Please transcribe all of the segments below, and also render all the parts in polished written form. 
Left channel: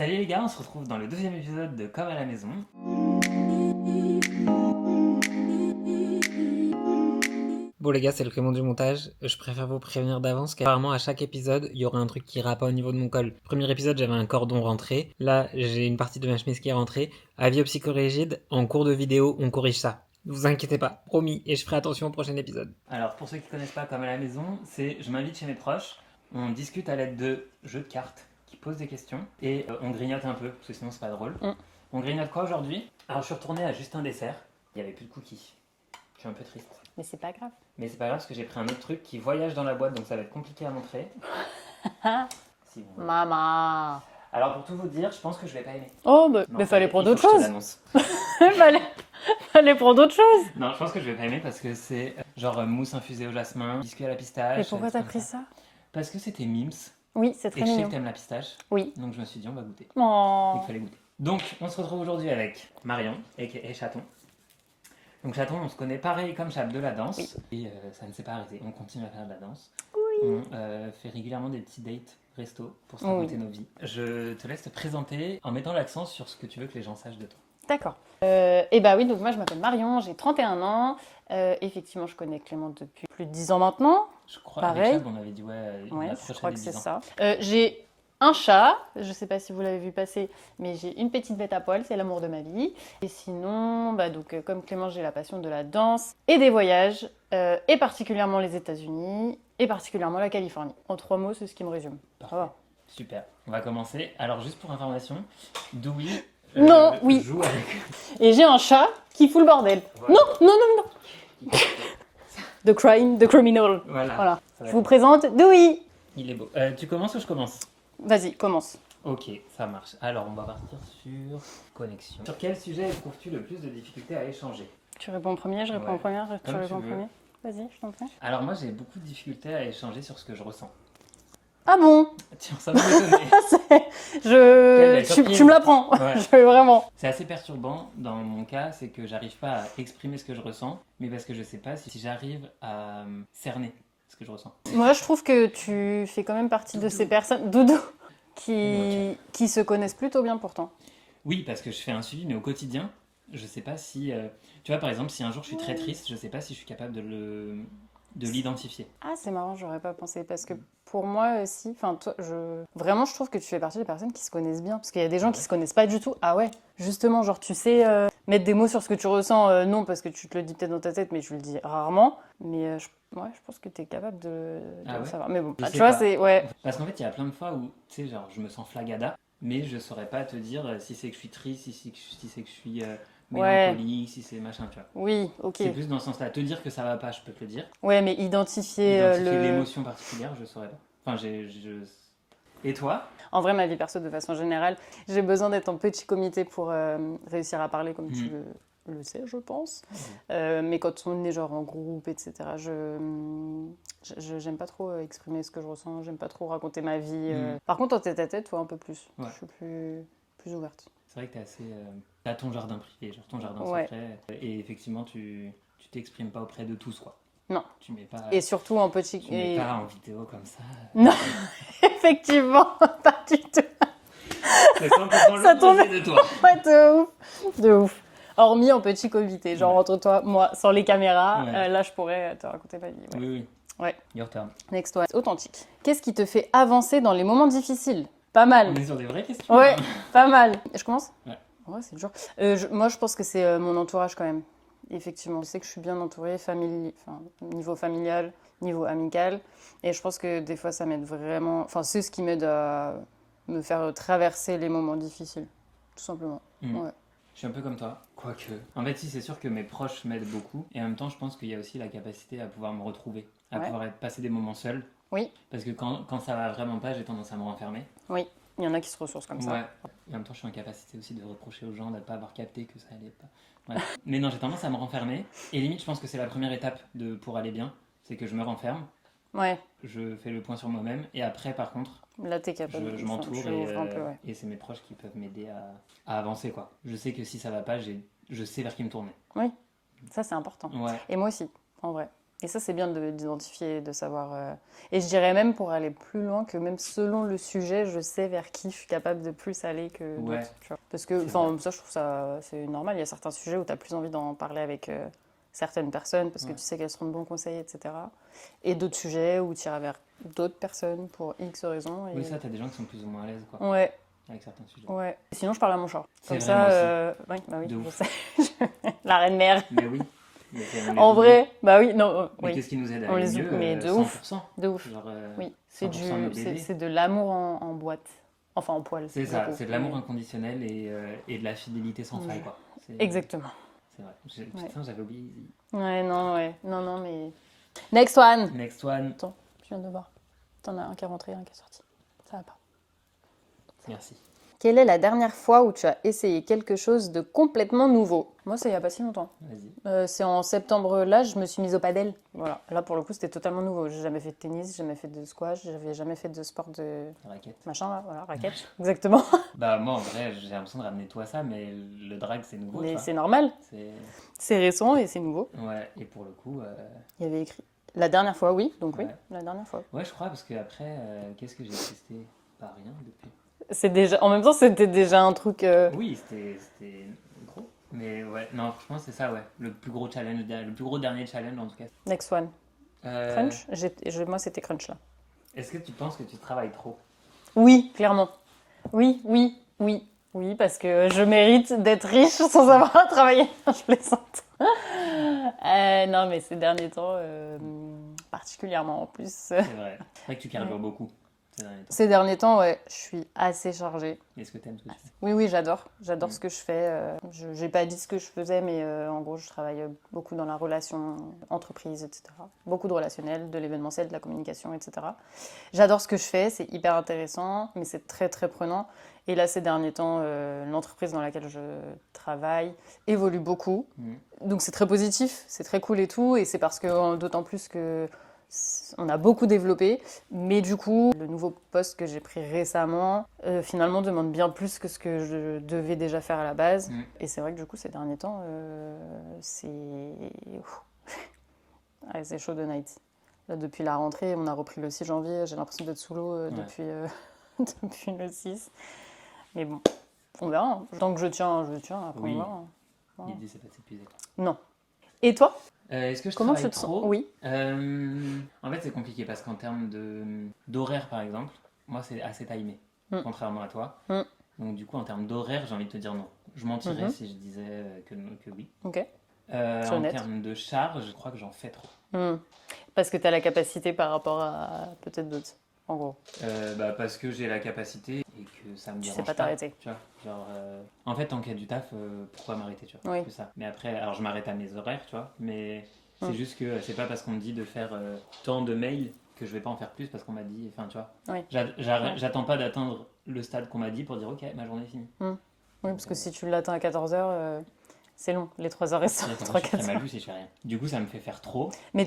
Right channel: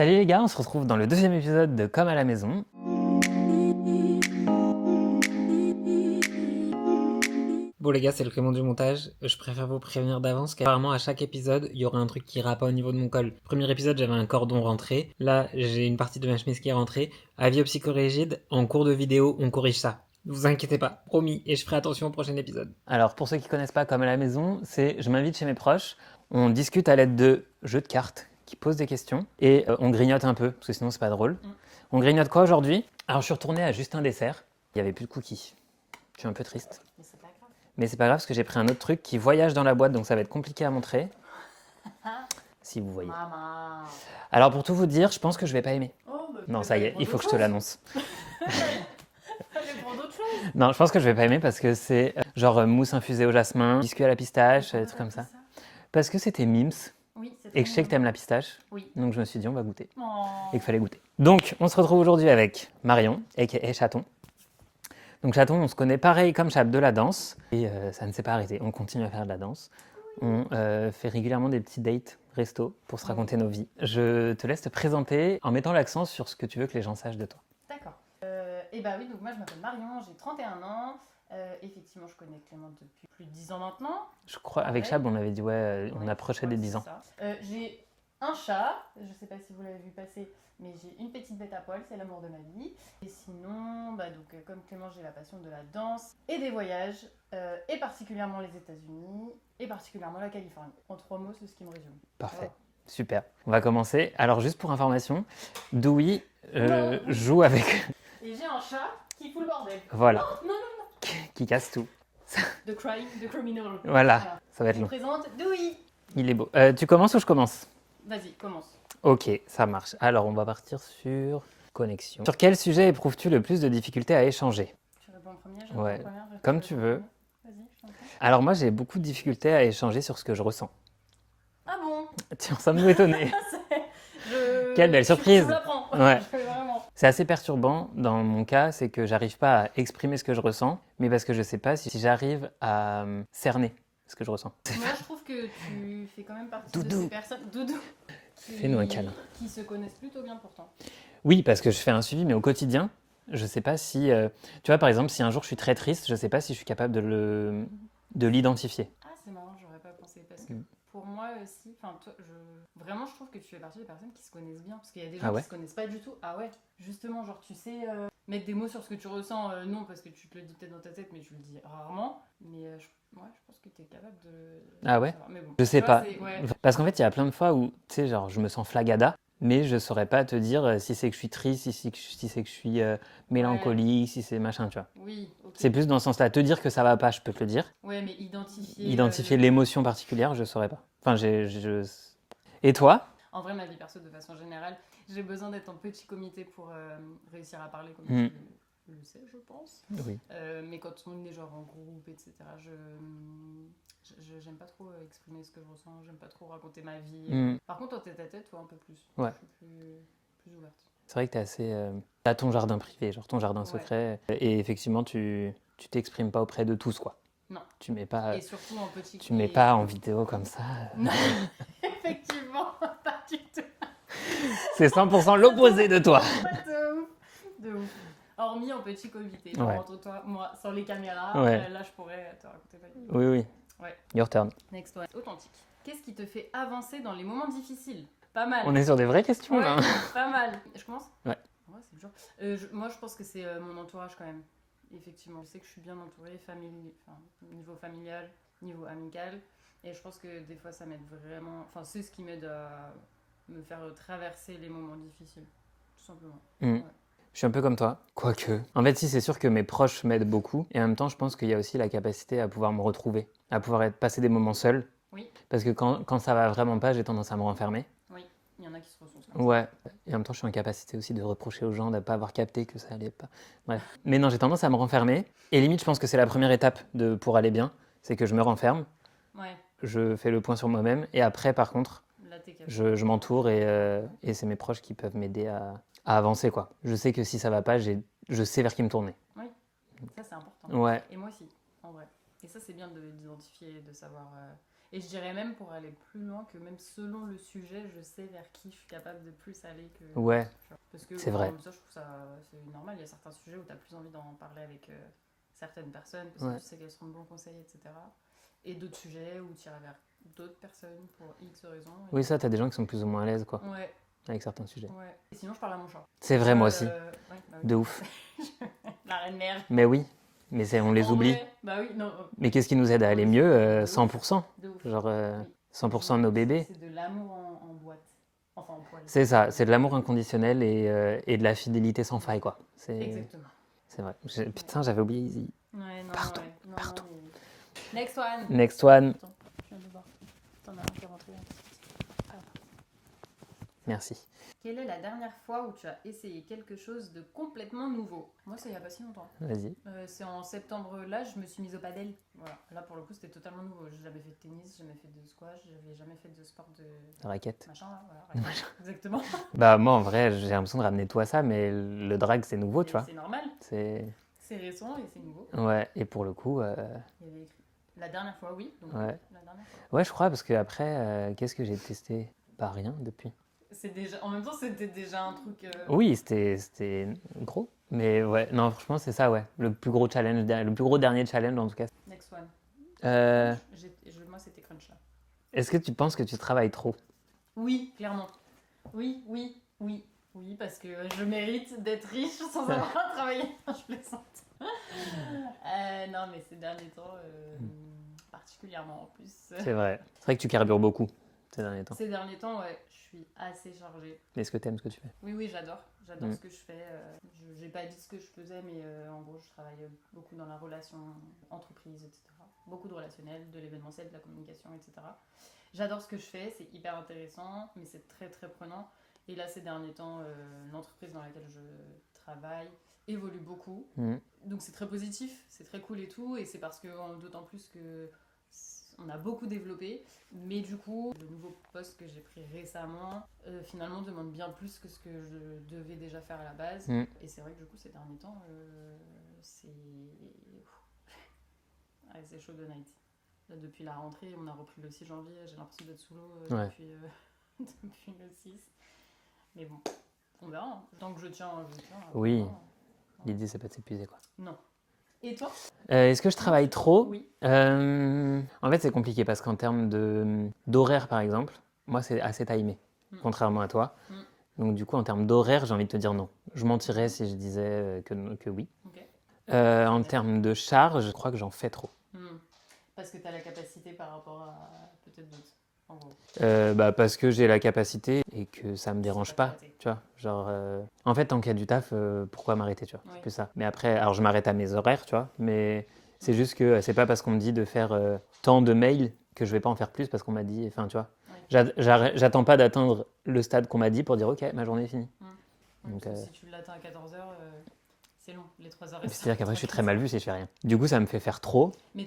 Salut les gars, on se retrouve dans le deuxième épisode de Comme à la maison. Bon les gars, c'est le Clément du montage. Je préfère vous prévenir d'avance qu'apparemment à chaque épisode, il y aura un truc qui ira pas au niveau de mon col. Premier épisode, j'avais un cordon rentré. Là, j'ai une partie de ma chemise qui est rentrée. Avis au psychorigide, en cours de vidéo, on corrige ça. Ne vous inquiétez pas, promis, et je ferai attention au prochain épisode. Alors pour ceux qui connaissent pas Comme à la maison, c'est je m'invite chez mes proches, on discute à l'aide de jeux de cartes qui posent des questions et on grignote un peu, parce que sinon c'est pas drôle. On grignote quoi aujourd'hui? Alors je suis retourné à Juste un dessert, il y avait plus de cookies. Je suis un peu triste. Mais c'est pas grave. Mais c'est pas grave parce que j'ai pris un autre truc qui voyage dans la boîte, donc ça va être compliqué à montrer. Si vous voyez. Maman. Alors pour tout vous dire, je pense que je vais pas aimer. Oh, bah, Non, mais ça y fallait est, prendre il faut d'autres que je te choses. l'annonce. fallait prendre d'autres choses. Non, je pense que je vais pas aimer parce que c'est genre mousse infusée au jasmin, biscuit à la Et pistache, pourquoi des t'as trucs pris comme ça. ça? Parce que c'était Mims Oui, c'est très et que je sais mignon. que t'aimes la pistache. Oui. Donc je me suis dit on va goûter. Oh. Et qu'il fallait goûter. Donc on se retrouve aujourd'hui avec Marion, aka Chaton. Donc Chaton, on se connaît pareil comme Chap de la danse. Et ça ne s'est pas arrêté, on continue à faire de la danse. On fait régulièrement des petits dates resto pour se raconter nos vies. Je te laisse te présenter en mettant l'accent sur ce que tu veux que les gens sachent de toi. D'accord. Et bah oui, donc moi je m'appelle Marion, j'ai 31 ans. Effectivement, je connais Clément depuis plus de 10 ans maintenant. Je crois Pareil. avec Chab, on avait dit on Ouais, je approchait crois des que 10 c'est ans. ça. J'ai un chat, je sais pas si vous l'avez vu passer, mais j'ai une petite bête à poil, c'est l'amour de ma vie. Et sinon, comme Clément, j'ai la passion de la danse et des voyages, et particulièrement les États-Unis, et particulièrement la Californie. En 3 mots, c'est ce qui me résume. Parfait, Ça va. super. On va commencer. Alors juste pour information, Dewey Non, oui. joue avec... Et j'ai un chat qui fout le bordel. Voilà. Non, non, non, non. qui casse tout. The crime, the criminal. Voilà, Voilà. ça va Je être vous long. présente Dewey. Il est beau. Tu commences ou je commence? Vas-y, commence. Ok, ça marche. Alors, on va partir sur connexion. Sur quel sujet éprouves-tu le plus de difficultés à échanger? Tu réponds en premier, je réponds Ouais. en première. Comme tu veux. Vas-y, je t'en prie. Alors moi, j'ai beaucoup de difficultés à échanger sur ce que je ressens. Ah bon? Tiens, ça m'a étonné. Quelle belle surprise. Tu me l'apprends. Ouais. Vraiment. C'est assez perturbant dans mon cas, c'est que j'arrive pas à exprimer ce que je ressens, mais parce que je sais pas si j'arrive à cerner ce que je ressens. Moi, je trouve que tu fais quand même partie de Doudou. ces personnes, Doudou, Fais-nous un câlin. qui se connaissent plutôt bien pourtant. Oui, parce que je fais un suivi, mais au quotidien, je sais pas si... tu vois, par exemple, si un jour je suis très triste, je sais pas si je suis capable de l'identifier. Ah, c'est marrant, j'aurais pas pensé parce que pour moi aussi, enfin, vraiment, je trouve que tu fais partie des personnes qui se connaissent bien parce qu'il y a des gens Ah qui ouais se connaissent pas du tout. Ah ouais, justement, genre tu sais mettre des mots sur ce que tu ressens, non parce que tu te le dis peut-être dans ta tête, mais tu le dis rarement. Mais je pense que tu es capable de Ah de ouais savoir. Mais bon, Je tu sais vois, pas. c'est ouais. Parce qu'en fait, il y a plein de fois où, tu sais, genre, je me sens flagada, mais je saurais pas te dire si c'est que je suis triste, si c'est que je suis mélancolique, si c'est machin, tu vois. Oui, ok. C'est plus dans ce sens-là. Te dire que ça va pas, je peux te le dire. Ouais, mais identifier, Identifier l'émotion particulière, je saurais pas. Enfin, Et toi? En vrai, ma vie perso, de façon générale, j'ai besoin d'être en petit comité pour réussir à parler comme tu le sais, je pense. Mais quand on est genre en groupe, etc., j'aime pas trop exprimer ce que je ressens, j'aime pas trop raconter ma vie. Par contre, en tête-à-tête, toi, un peu plus. Ouais. Je suis plus ouverte. C'est vrai que t'es assez... T'as ton jardin privé, genre ton jardin Ouais. secret. Et effectivement, tu t'exprimes pas auprès de tous, quoi. Non. Tu mets pas... Et surtout en petit... Tu mets pas en vidéo comme ça. Non, effectivement, pas du tout. C'est 100% l'opposé de toi. Ouais, de ouf. De ouf. Hormis en petit comité, genre Ouais. entre toi, moi, sans les caméras, Ouais. là je pourrais te raconter ma vie. Ouais. Oui. Ouais. Your turn. Next one. Authentique. Qu'est-ce qui te fait avancer dans les moments difficiles? Pas mal. On est sur des vraies questions. Ouais, là. pas mal. Je commence? Ouais. Ouais, c'est dur. Moi, je pense que c'est mon entourage quand même. Effectivement, je sais que je suis bien entourée, niveau familial, niveau amical. Et je pense que des fois, ça m'aide vraiment... Enfin, c'est ce qui m'aide à me faire traverser les moments difficiles, tout simplement. Ouais. Je suis un peu comme toi, quoique. En fait, si, c'est sûr que mes proches m'aident beaucoup. Et en même temps, je pense qu'il y a aussi la capacité à pouvoir me retrouver, à Ouais. pouvoir passer des moments seuls. Oui. Parce que quand ça va vraiment pas, j'ai tendance à me renfermer. Oui, il y en a qui se ressourcent comme ça. Ouais. Et en même temps, je suis en capacité aussi de reprocher aux gens de ne pas avoir capté que ça allait pas. Bref. Mais non, j'ai tendance à me renfermer. Et limite, je pense que c'est la première étape pour aller bien. C'est que je me renferme, Ouais, je fais le point sur moi-même. Et après, par contre, là, t'es capable. je m'entoure Je et, ouvre un peu, ouais. et c'est mes proches qui peuvent m'aider à avancer, quoi. Je sais que si ça va pas, je sais vers qui me tourner. Oui, ça, c'est important. Ouais. Et moi aussi, en vrai. Et ça, c'est bien d'identifier, de savoir. Et je dirais même pour aller plus loin que même selon le sujet, je sais vers qui je suis capable de plus aller que Ouais. d'autres, tu vois. Parce que, C'est vrai. ça, je trouve ça c'est normal. Il y a certains sujets où tu as plus envie d'en parler avec certaines personnes parce que Ouais. tu sais qu'elles seront de bons conseils, etc. Et d'autres sujets où tu iras vers d'autres personnes pour X raisons. Oui, ça, t'as des gens qui sont plus ou moins à l'aise, quoi, Ouais, avec certains sujets. ouais. Et sinon, je parle à mon chat. C'est Comme vrai, ça, moi aussi. ouais, bah oui, De je ouf. sais. La reine mère. Mais oui, mais on les En oublie. vrai, bah oui, non, Mais oui. qu'est-ce qui nous aide à On aller les mieux? mais de ouf, 100%. de ouf. Genre, Oui, 100% de nos bébés. c'est de l'amour en boîte. Enfin, en poil. C'est ça, beaucoup. c'est de l'amour inconditionnel et de la fidélité sans faille, quoi. Exactement. C'est vrai. Putain, j'avais oublié Easy. Ouais, non, ouais. Non, non, mais... Next one. Next one. Attends, je viens de le voir. T'en as un qui est rentré, un qui est sorti. Ça va pas. Merci. Quelle est la dernière fois où tu as essayé quelque chose de complètement nouveau? Moi, c'est il y a pas si longtemps. Vas-y. C'est en septembre, là, je me suis mise au padel. Voilà. Là, pour le coup, c'était totalement nouveau. J'ai jamais fait de tennis, jamais fait de squash, j'avais jamais fait de sport de Raquette. machin, là. Voilà, raquette. Exactement. Bah, moi, en vrai, j'ai l'impression de ramener tout à ça, mais le drag, c'est nouveau, tu Mais vois. c'est normal. C'est... C'est récent et c'est nouveau. Ouais, et pour le coup... Il y avait écrit. La dernière fois, oui. Donc oui, Ouais. la dernière fois. Ouais, je crois, parce que après, qu'est-ce que j'ai testé? Pas rien depuis. C'est déjà. En même temps, c'était déjà un truc. Oui, c'était gros. Mais ouais, non, franchement, c'est ça, ouais. Le plus gros challenge, le plus gros dernier challenge, en tout cas. Next one. Euh, Crunch. Moi, c'était crunch là. Est-ce que tu penses que tu travailles trop? Oui, clairement. Oui, oui, oui, oui, parce que je mérite d'être riche sans avoir à travailler. Je plaisante. Non, mais ces derniers temps, particulièrement en plus. C'est vrai. C'est vrai que tu carbures beaucoup ces derniers temps. Ces derniers temps, ouais, je suis assez chargée. Est-ce que t'aimes ce que tu fais? Oui, oui, j'adore. J'adore Mm. ce que je fais. Je n'ai pas dit ce que je faisais, mais en gros, je travaille beaucoup dans la relation entreprise, etc. Beaucoup de relationnel, de l'événementiel, de la communication, etc. J'adore ce que je fais, c'est hyper intéressant, mais c'est très, très prenant. Et là, ces derniers temps, l'entreprise dans laquelle je travaille évolue beaucoup. Mm. Donc, c'est très positif, c'est très cool et tout. Et c'est parce que, d'autant plus que on a beaucoup développé, mais du coup, le nouveau poste que j'ai pris récemment, finalement, demande bien plus que ce que je devais déjà faire à la base. Mm. Et c'est vrai que du coup, ces derniers temps, c'est... Ouais, c'est chaud de night. Là, depuis la rentrée, on a repris le 6 janvier, j'ai l'impression d'être sous l'eau Ouais. depuis le 6. Mais bon, on verra. Hein. Tant que je tiens, je tiens. Après, Oui. on verra. L'idée, c'est pas de s'épuiser, quoi. Non. Et toi? Est-ce que je Comment travaille tu te sens? trop? Oui. En fait, c'est compliqué parce qu'en termes d'horaire, par exemple, moi, c'est assez timé, Mm. contrairement à toi. Mm. Donc, du coup, en termes d'horaire, j'ai envie de te dire non. Je mentirais Mhm. si je disais que oui. Ok. En honnête. termes de charge, je crois que j'en fais trop. Parce que tu as la capacité par rapport à peut-être d'autres, en gros. Parce que j'ai la capacité et que ça me Tu sais dérange pas pas. t'arrêter. Tu vois, genre, en fait, tant qu'il y a du taf, pourquoi m'arrêter, tu vois? Oui. C'est plus ça. Mais après, alors je m'arrête à mes horaires, tu vois, mais c'est Mm. juste que c'est pas parce qu'on me dit de faire tant de mails que je vais pas en faire plus parce qu'on m'a dit, enfin, tu vois. Oui. J'attends pas d'atteindre le stade qu'on m'a dit pour dire, ok, ma journée est finie. Oui, Donc, parce que si tu l'atteins à 14h, c'est long, les 3 heures et c'est-à-dire qu'après, je suis 3-4 très mal heures. vu si je fais rien. Du coup, ça me fait faire trop. Mais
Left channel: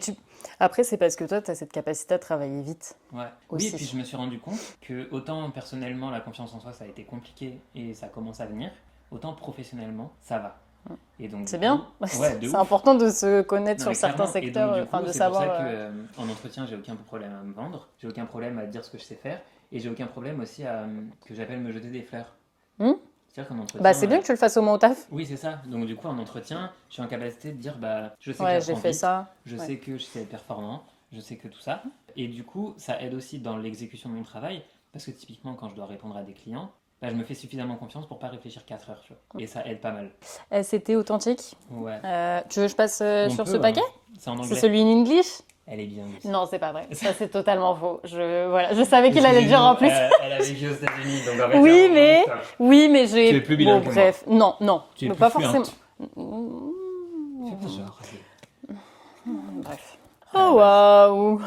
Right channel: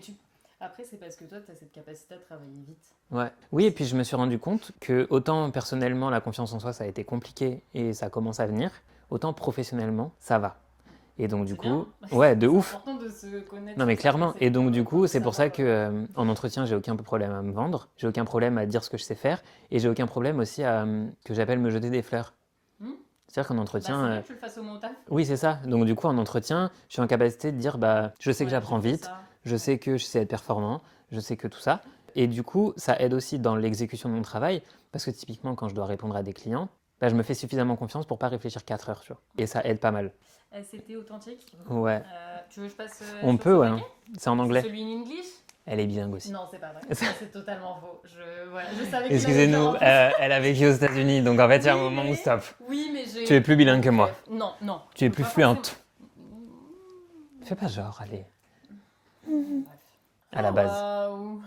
après, c'est parce que toi, tu as cette capacité à travailler vite. Ouais. Aussi. Oui, et puis je me suis rendu compte que autant personnellement la confiance en soi ça a été compliqué et ça commence à venir, autant professionnellement ça va. Et donc du C'est coup, bien. ouais, de C'est ouf. important de se connaître Non sur mais certains clairement. secteurs. Et donc du enfin, coup, de c'est pour ça savoir, que en entretien j'ai aucun problème à me vendre, j'ai aucun problème à dire ce que je sais faire et j'ai aucun problème aussi à que j'appelle me jeter des fleurs. Hmm. C'est-à-dire qu'en entretien. Bah, c'est bien que tu le fasses au moins au taf. Oui, c'est ça. Donc du coup, en entretien, je suis en capacité de dire bah je sais que Ouais, j'apprends j'ai fait vite, ça. je sais que je sais être performant, je sais que tout ça. Et du coup, ça aide aussi dans l'exécution de mon travail, parce que typiquement, quand je dois répondre à des clients, bah, je me fais suffisamment confiance pour pas réfléchir 4 heures, tu vois. Et ça aide pas mal. C'était authentique. Ouais. Tu veux que je passe On sur peut, ce ouais. paquet? C'est en C'est anglais. celui in English? Elle est bilingue aussi. Non, c'est pas vrai. Ça, c'est totalement faux. Je savais qu'il allait dire en plus. Elle a vécu aux États-unis, donc en fait, Oui, il y a un moment mais- où stop. Oui, mais j'ai. Tu es plus bilingue que moi. Bref. Non, non. Tu es je peux plus pas fluente. forcément- Fais pas genre, allez. Bref. À la Oh base. waouh!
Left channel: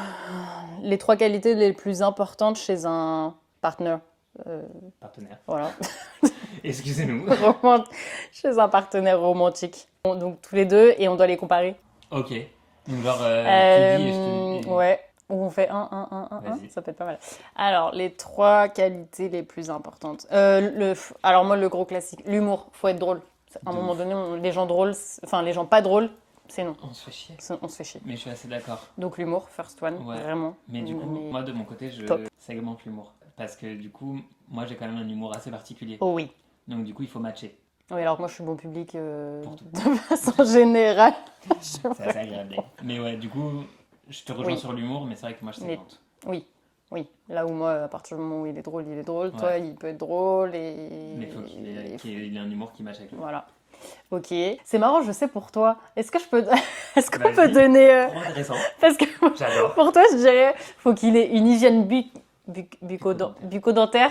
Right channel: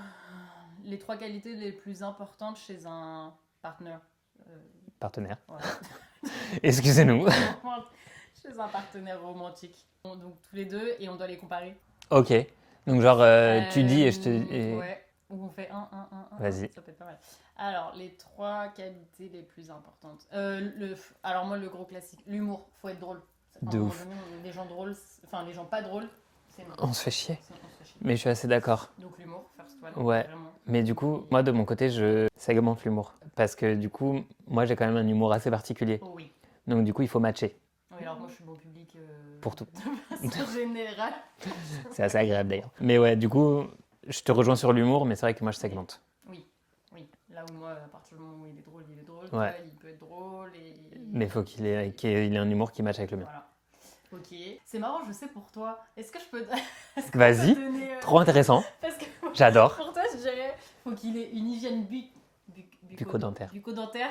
Les 3 qualités les plus importantes chez un partner. Partenaire. Voilà. Excusez-nous. Chez un partenaire romantique. Donc tous les deux et on doit les comparer. Ok. Donc genre, tu dis et je te... Ouais. Ou on fait un. Vas-y. Ça peut être pas mal. Alors, les 3 qualités les plus importantes. Alors moi, le gros classique, l'humour. Faut être drôle. À un De moment ouf. donné, les gens drôles, enfin les gens pas drôles, c'est non. On se fait chier. On se fait chier. Mais je suis assez d'accord. Donc l'humour, first one, Ouais. vraiment. Mais du coup, moi de mon côté, je Top. segmente l'humour. Parce que du coup, moi j'ai quand même un humour assez particulier. Oh oui. Donc du coup, il faut matcher. Oui, alors moi je suis bon public Pour tout. de façon générale. C'est assez agréable d'ailleurs. Mais ouais, du coup, je te rejoins Oui. sur l'humour, mais c'est vrai que moi je segmente. Oui, oui. Là où moi, à partir du moment où il est drôle, il est drôle. Ouais. Toi, il peut être drôle et... Mais il faut qu'il ait un humour qui matche avec le mien. Voilà. Ok. C'est marrant, je sais pour toi. Est-ce que je peux... Est-ce qu'on peut Vas-y. donner... Trop intéressant. Parce que J'adore. pour toi, je dirais, faut qu'il ait une hygiène Bucco-dentaire. bucco-dentaire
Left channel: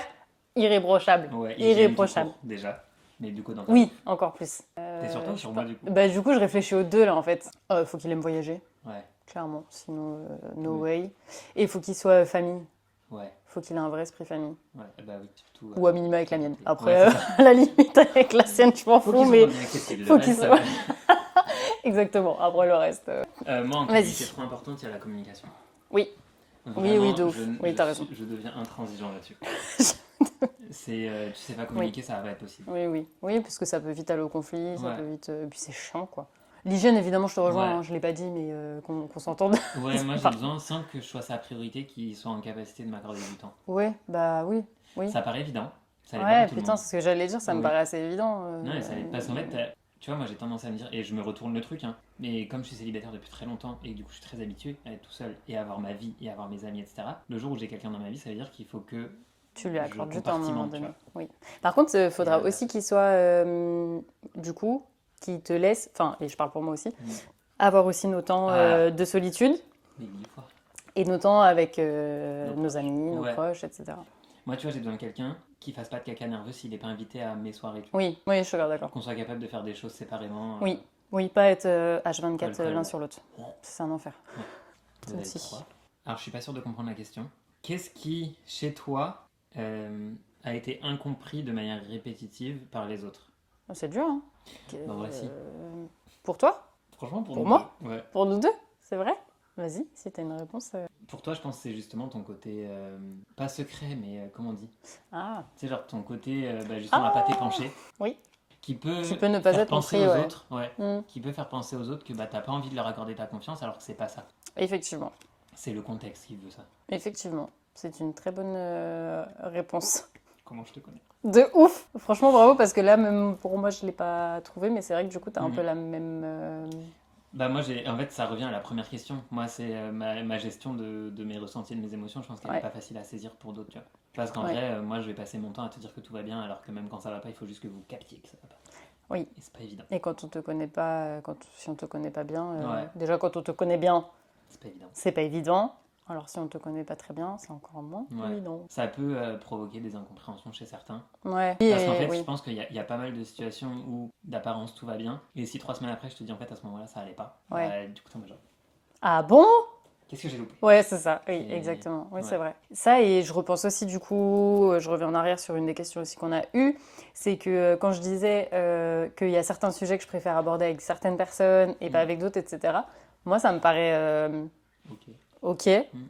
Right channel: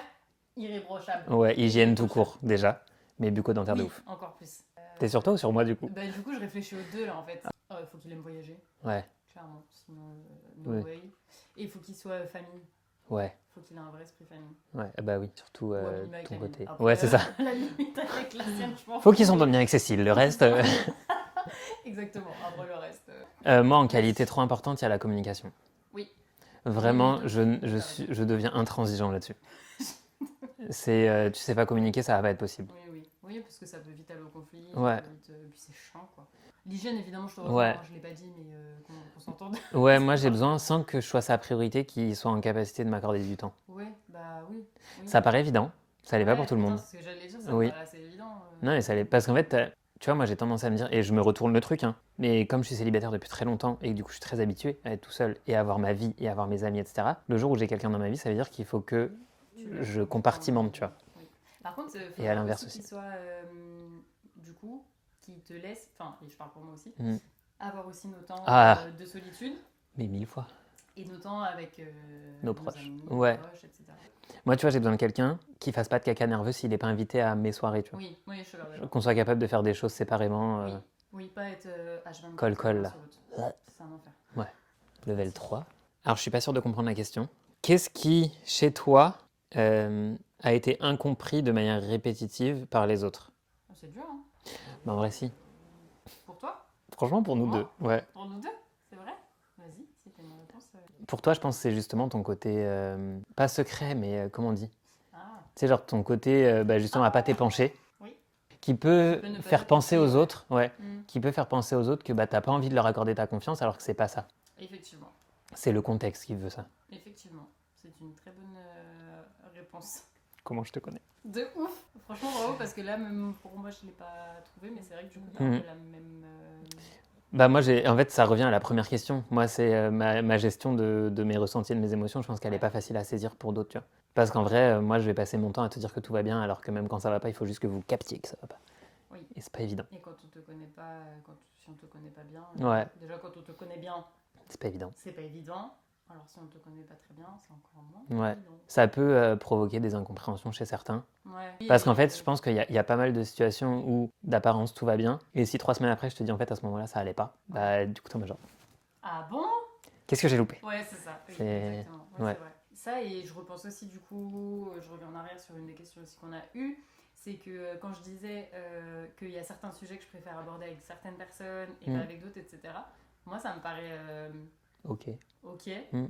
irréprochable. Ouais, hygiène tout Irréprochable. court déjà. Mais bucco-dentaire de Oui, ouf. encore plus. T'es sur toi ou sur moi du coup? Bah, du coup, je réfléchis aux deux là en fait. Faut qu'il aime voyager, Ouais, clairement. Sinon, no Oui. way. Et il faut qu'il soit famille. ouais, Faut qu'il ait un vrai esprit famille. ouais. Bah oui, surtout. Ou à minima avec la mienne. côté. Après, Ouais, c'est ça. à la limite, avec la sienne, je m'en fous. Faut qu'ils mais- s'entendent bien avec Cécile. Le faut qu'ils reste. soient- Exactement. Après, le reste. Moi, en Vas-y. qualité trop importante, il y a la communication. Oui. Vraiment, oui, de ouf. Oui, t'as raison. je deviens intransigeant là-dessus. Tu sais pas communiquer, ça va pas être possible. Oui, oui. Oui, parce que ça peut vite aller au conflit. Ça Ouais. peut vite. Et puis c'est chiant, quoi. L'hygiène, évidemment, je te rejoins. Ouais. Hein, je l'ai pas dit, mais qu'on s'entende. Ouais, moi j'ai besoin, sans que je sois sa priorité, qu'il soit en capacité de m'accorder du temps. Ouais, bah oui. Oui. Ça paraît évident, ça l'est ouais, pas pour tout le putain, monde. c'est ce que j'allais dire. Ça me Oui. paraît assez évident. Non, mais ça l'est. Parce qu'en fait, tu vois, moi j'ai tendance à me dire, et je me retourne le truc, hein, mais comme je suis célibataire depuis très longtemps et que du coup je suis très habitué à être tout seul et à avoir ma vie et à avoir mes amis, etc., le jour où j'ai quelqu'un dans ma vie, ça veut dire qu'il faut que tu lui je accordes du temps à un compartimente, moment tu donné. vois. Oui. Par contre, il faudra l'inverse aussi aussi. qu'il soit, du coup, qui te laisse, enfin, et je parle pour moi aussi, Mm. avoir aussi nos temps Ah. de solitude Mais 1000 fois. et nos temps avec Nos nos proches. amis, nos Ouais. proches, etc. Moi, tu vois, j'ai besoin de quelqu'un qui fasse pas de caca nerveux s'il n'est pas invité à mes soirées, tu vois. Oui, oui, je suis d'accord. Qu'on soit capable de faire des choses séparément. Oui. Oui, pas être H24 Col-col, l'un là. sur l'autre. Ouais. C'est un enfer. Level aussi. 3. Alors, je suis pas sûr de comprendre la question. Qu'est-ce qui, chez toi, a été incompris de manière répétitive par les autres? C'est dur, hein. Bah, en vrai, si. Pour toi? Franchement, pour Pour nous moi deux. Ouais. Pour nous deux? C'est vrai? Vas-y, si t'as une réponse. Pour toi, je pense que c'est justement ton côté, pas secret, mais comment on dit? Ah, Tu sais, genre ton côté, justement, à pas t'épancher. oui. Qui peut Qui peut ne pas faire être penser compris, aux ouais. autres. Ouais. Mm. Qui peut faire penser aux autres que t'as pas envie de leur accorder ta confiance alors que c'est pas ça. Effectivement. C'est le contexte qui veut ça. Effectivement. C'est une très bonne réponse. Comment je te connais? De ouf! Franchement, bravo, parce que là, même pour moi, je ne l'ai pas trouvé, mais c'est vrai que du coup, tu as un Mhm. peu la même. Bah moi, en fait, ça revient à la première question. Moi, c'est ma gestion de mes ressentis et de mes émotions. Je pense qu'elle n'est Ouais. pas facile à saisir pour d'autres, tu vois. Parce qu'en Ouais. vrai, moi, je vais passer mon temps à te dire que tout va bien, alors que même quand ça va pas, il faut juste que vous captiez que ça va pas. Oui. Et c'est pas évident. Et quand on te connaît pas, si on te connaît pas bien, Ouais. déjà quand on te connaît bien, C'est pas évident. c'est pas évident. Alors si on te connaît pas très bien, c'est encore moins Ouais. évident. Ça peut provoquer des incompréhensions chez certains. Ouais. Parce qu'en fait, oui. je pense qu'il y a pas mal de situations où d'apparence tout va bien. Et si 3 semaines après, je te dis en fait à ce moment-là, ça allait pas. Ouais. Bah, du coup, t'es en mode genre, Ah bon? qu'est-ce que j'ai loupé? Ouais, c'est ça. Oui, C'est- exactement. Oui, ouais. c'est vrai. Ça, et je repense aussi, du coup, je reviens en arrière sur une des questions aussi qu'on a eues, c'est que quand je disais qu'il y a certains sujets que je préfère aborder avec certaines personnes et pas avec d'autres, etc., moi, ça me paraît Ok. ok, Mm.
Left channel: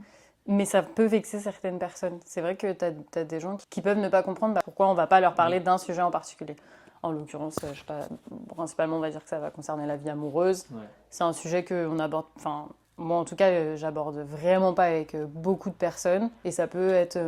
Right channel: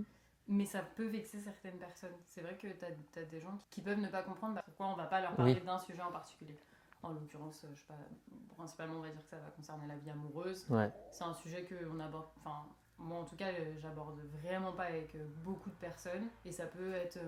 mais ça peut vexer certaines personnes. C'est vrai que tu as des gens qui peuvent ne pas comprendre pourquoi on va pas leur parler Oui. d'un sujet en particulier. En l'occurrence, je sais pas, principalement, on va dire que ça va concerner la vie amoureuse. Ouais. C'est un sujet qu'on aborde, enfin, moi en tout cas, j'aborde vraiment pas avec beaucoup de personnes et ça peut être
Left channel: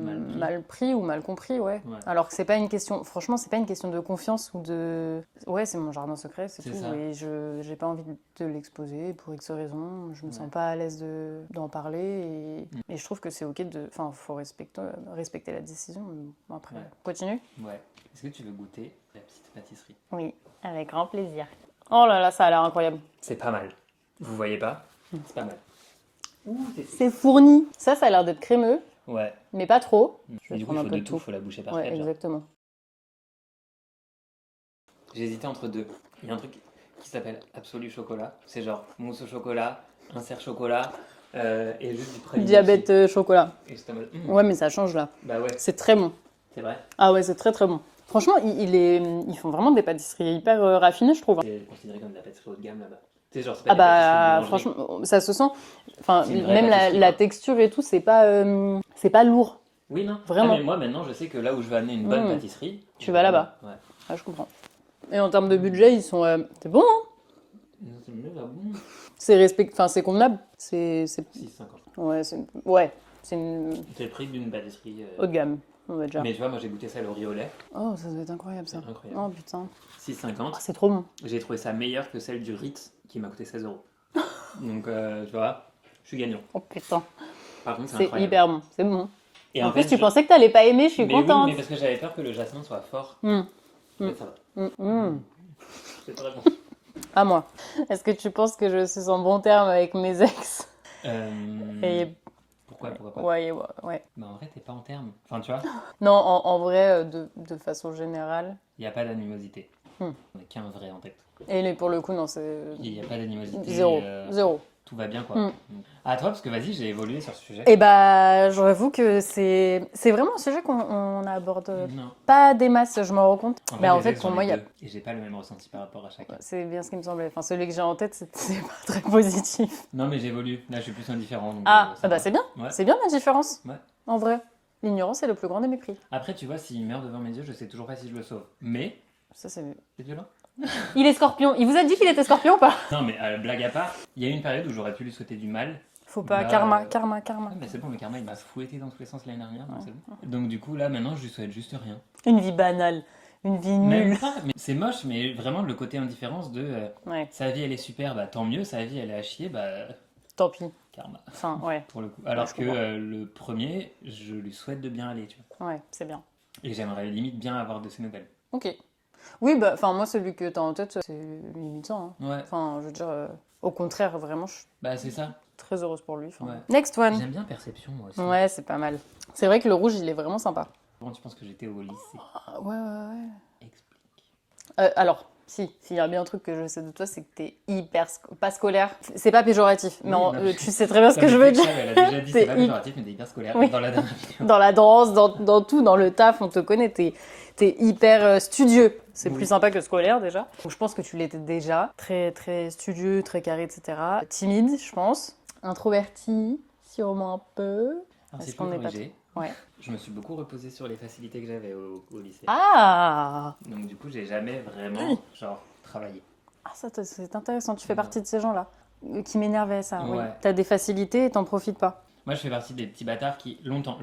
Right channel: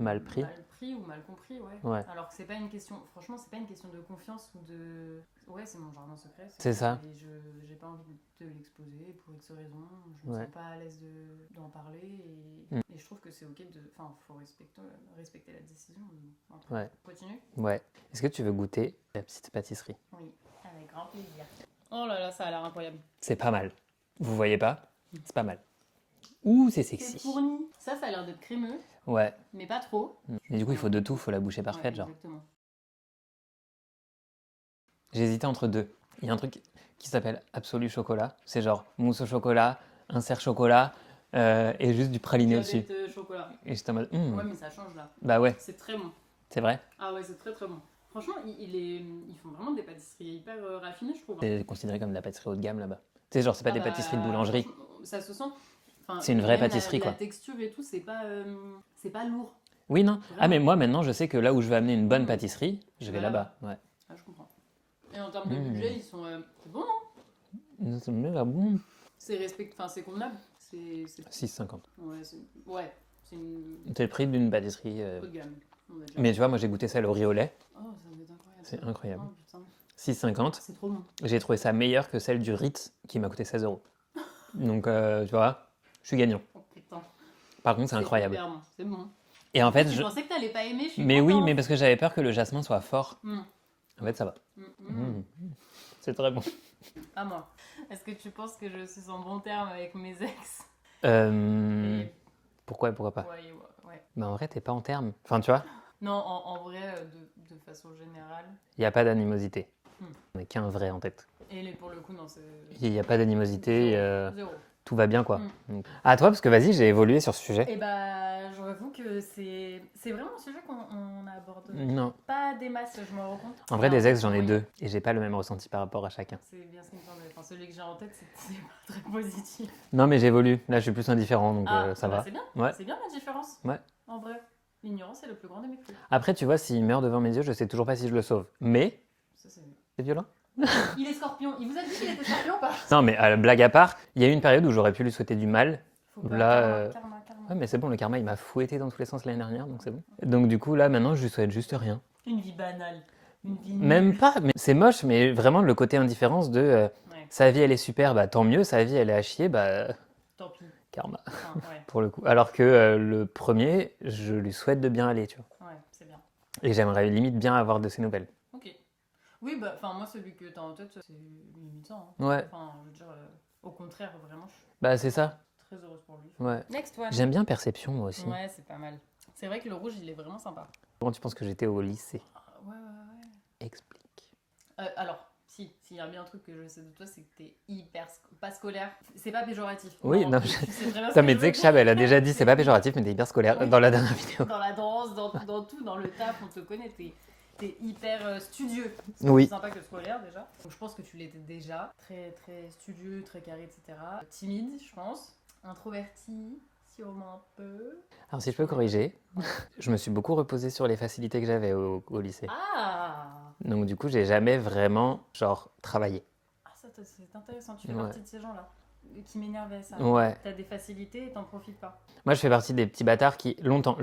Mal pris. ou mal compris, ouais. Ouais. Alors que c'est pas une question, franchement, c'est pas une question de confiance ou de. Ouais, c'est mon jardin secret, C'est tout, ça. et j'ai pas envie de l'exposer pour X raisons, je me Ouais. sens pas à l'aise d'en parler et je trouve que c'est ok de. Enfin, faut respecter la décision. Bon, après, Ouais. continue. Ouais. Est-ce que tu veux goûter la petite pâtisserie? Oui, avec grand plaisir. Oh là là, ça a l'air incroyable. C'est pas mal. Vous voyez pas? C'est pas mal. Ouh, c'est C'est sexy. fourni. Ça a l'air d'être crémeux, Ouais. mais pas trop. Mais du coup, il prendre faut un peu de de tout, tout. faut la boucher par Ouais, quatre, genre. exactement. J'ai hésité entre deux. Il y a un truc qui s'appelle Absolu Chocolat. C'est genre mousse au chocolat, insert chocolat et juste du praliné Diabète dessus. chocolat. Et j'étais en mode, Ouais, mais ça change là. bah ouais, C'est très bon. c'est vrai. Ah ouais, c'est très très bon. Franchement, ils font vraiment des pâtisseries hyper raffinées, je trouve. C'est considéré comme de la pâtisserie haut de gamme là-bas. Tu sais, genre, c'est pas Ah des pâtisseries de bah, boulangerie. franchement, ça se sent. Enfin, C'est une vraie même pâtisserie, la quoi. texture et tout, c'est pas lourd. Oui, non. Vraiment. Ah, mais moi, maintenant, je sais que là où je vais amener une bonne Mmh. pâtisserie, Tu je vas vais là-bas. Ouais. Ah, je comprends. Et en termes de budget, ils sont. C'est bon, hein? C'est bon. C'est convenable. C'est... 6,50. Ouais, c'est une C'est le prix d'une pâtisserie. haut de gamme, on va dire. Mais tu vois, moi j'ai goûté celle au riz au lait. Oh, ça doit être incroyable ça. C'est incroyable. Oh putain. 6,50. Oh, c'est trop bon. J'ai trouvé ça meilleur que celle du Ritz qui m'a coûté 16 €. Donc, tu vois, je suis gagnant. Oh putain. Par contre, c'est C'est incroyable. hyper bon, c'est bon. Et en En plus, fait, tu pensais que t'allais pas aimer, je suis mais oui, contente. mais parce que j'avais peur que le jasmin soit fort. Mm. En fait, ça va. Mm. C'est très bon. À moi. Est-ce que tu penses que je suis en bon terme avec mes ex? Et... Pourquoi pas Ouais. Bah, en vrai, t'es pas en terme. Enfin, tu vois, Non, en vrai, de façon générale. il n'y a pas d'animosité. Hmm. On n'est qu'un vrai en tête. Et pour le coup, non, c'est... Il n'y a pas d'animosité. Zéro. Tout va bien, quoi. Hmm. Donc... À toi, parce que vas-y, j'ai évolué sur ce sujet. Et bah, j'avoue que c'est vraiment un sujet qu'on aborde Non. pas des masses, je m'en rends compte. En Mais vrai, des ex, pour j'en moi, ai il y a- deux. Et j'ai pas le même ressenti par rapport à chacun. C'est bien ce qui me semblait. Enfin, celui que j'ai en tête, c'est pas très positif. Non, mais j'évolue. Là, je suis plus indifférent. Donc, ça bah va. c'est bien. Ouais. C'est bien la différence. Ouais. En vrai. L'ignorance est le plus grand des mépris. Après, tu vois, s'il meurt devant mes yeux, je sais toujours pas si je le sauve. Mais, Ça, c'est... c'est violent. Il est scorpion. Il vous a dit qu'il était scorpion ou pas? Non, mais blague à part, il y a eu une période où j'aurais pu lui souhaiter du mal. Faut pas. Là, Karma. Ah, mais c'est bon, le karma, il m'a fouetté dans tous les sens l'année dernière, donc c'est bon. Donc du coup, là, maintenant, je lui souhaite juste rien. Une vie banale. Une vie nulle. Même pas, mais c'est moche, mais vraiment le côté indifférence de Ouais, sa vie, elle est super, bah tant mieux, sa vie, elle est à chier, bah tant pis. karma, Enfin, ouais. pour le coup. Alors que le premier, je lui souhaite de bien aller, tu vois. Ouais, c'est bien. Et j'aimerais limite bien avoir de ses nouvelles. Ok. Oui, bah, enfin, moi, celui que t'as en tête, c'est limitant. Hein. Ouais, Enfin, je veux dire, au contraire, vraiment, je suis bah c'est ça. très heureuse pour lui. Enfin, Ouais. Next one. J'aime bien Perception, moi aussi. Ouais, c'est pas mal. C'est vrai que le rouge, il est vraiment sympa. Comment tu penses que j'étais au lycée? Ouais. Explique. Alors, s'il y a bien un truc que je sais de toi, c'est que t'es hyper... pas scolaire. C'est pas péjoratif. Oui, non, non, tu sais très bien ce Ça que je me veux fait que dire. Chab, elle a déjà dit, C'est c'est pas hy- péjoratif, mais t'es hyper scolaire Oui. dans la dernière vidéo. Dans la danse, dans tout, dans le taf, on te connaît, t'es hyper studieux. C'est Oui. plus sympa que scolaire déjà. Donc je pense que tu l'étais déjà. Très, très studieux, très carré, etc. Timide, je pense. Introverti, sûrement un peu. Alors si Est-ce je peux qu'on est pas corriger, Ouais. je me suis beaucoup reposé sur les facilités que j'avais au lycée. Ah Donc du coup, j'ai jamais vraiment, genre, travaillé. Ah, ça, c'est intéressant. Tu fais Ouais. partie de ces gens-là qui m'énervaient, ça. Ouais. T'as des facilités et t'en profites pas. Moi, je fais partie des petits bâtards qui, longtemps,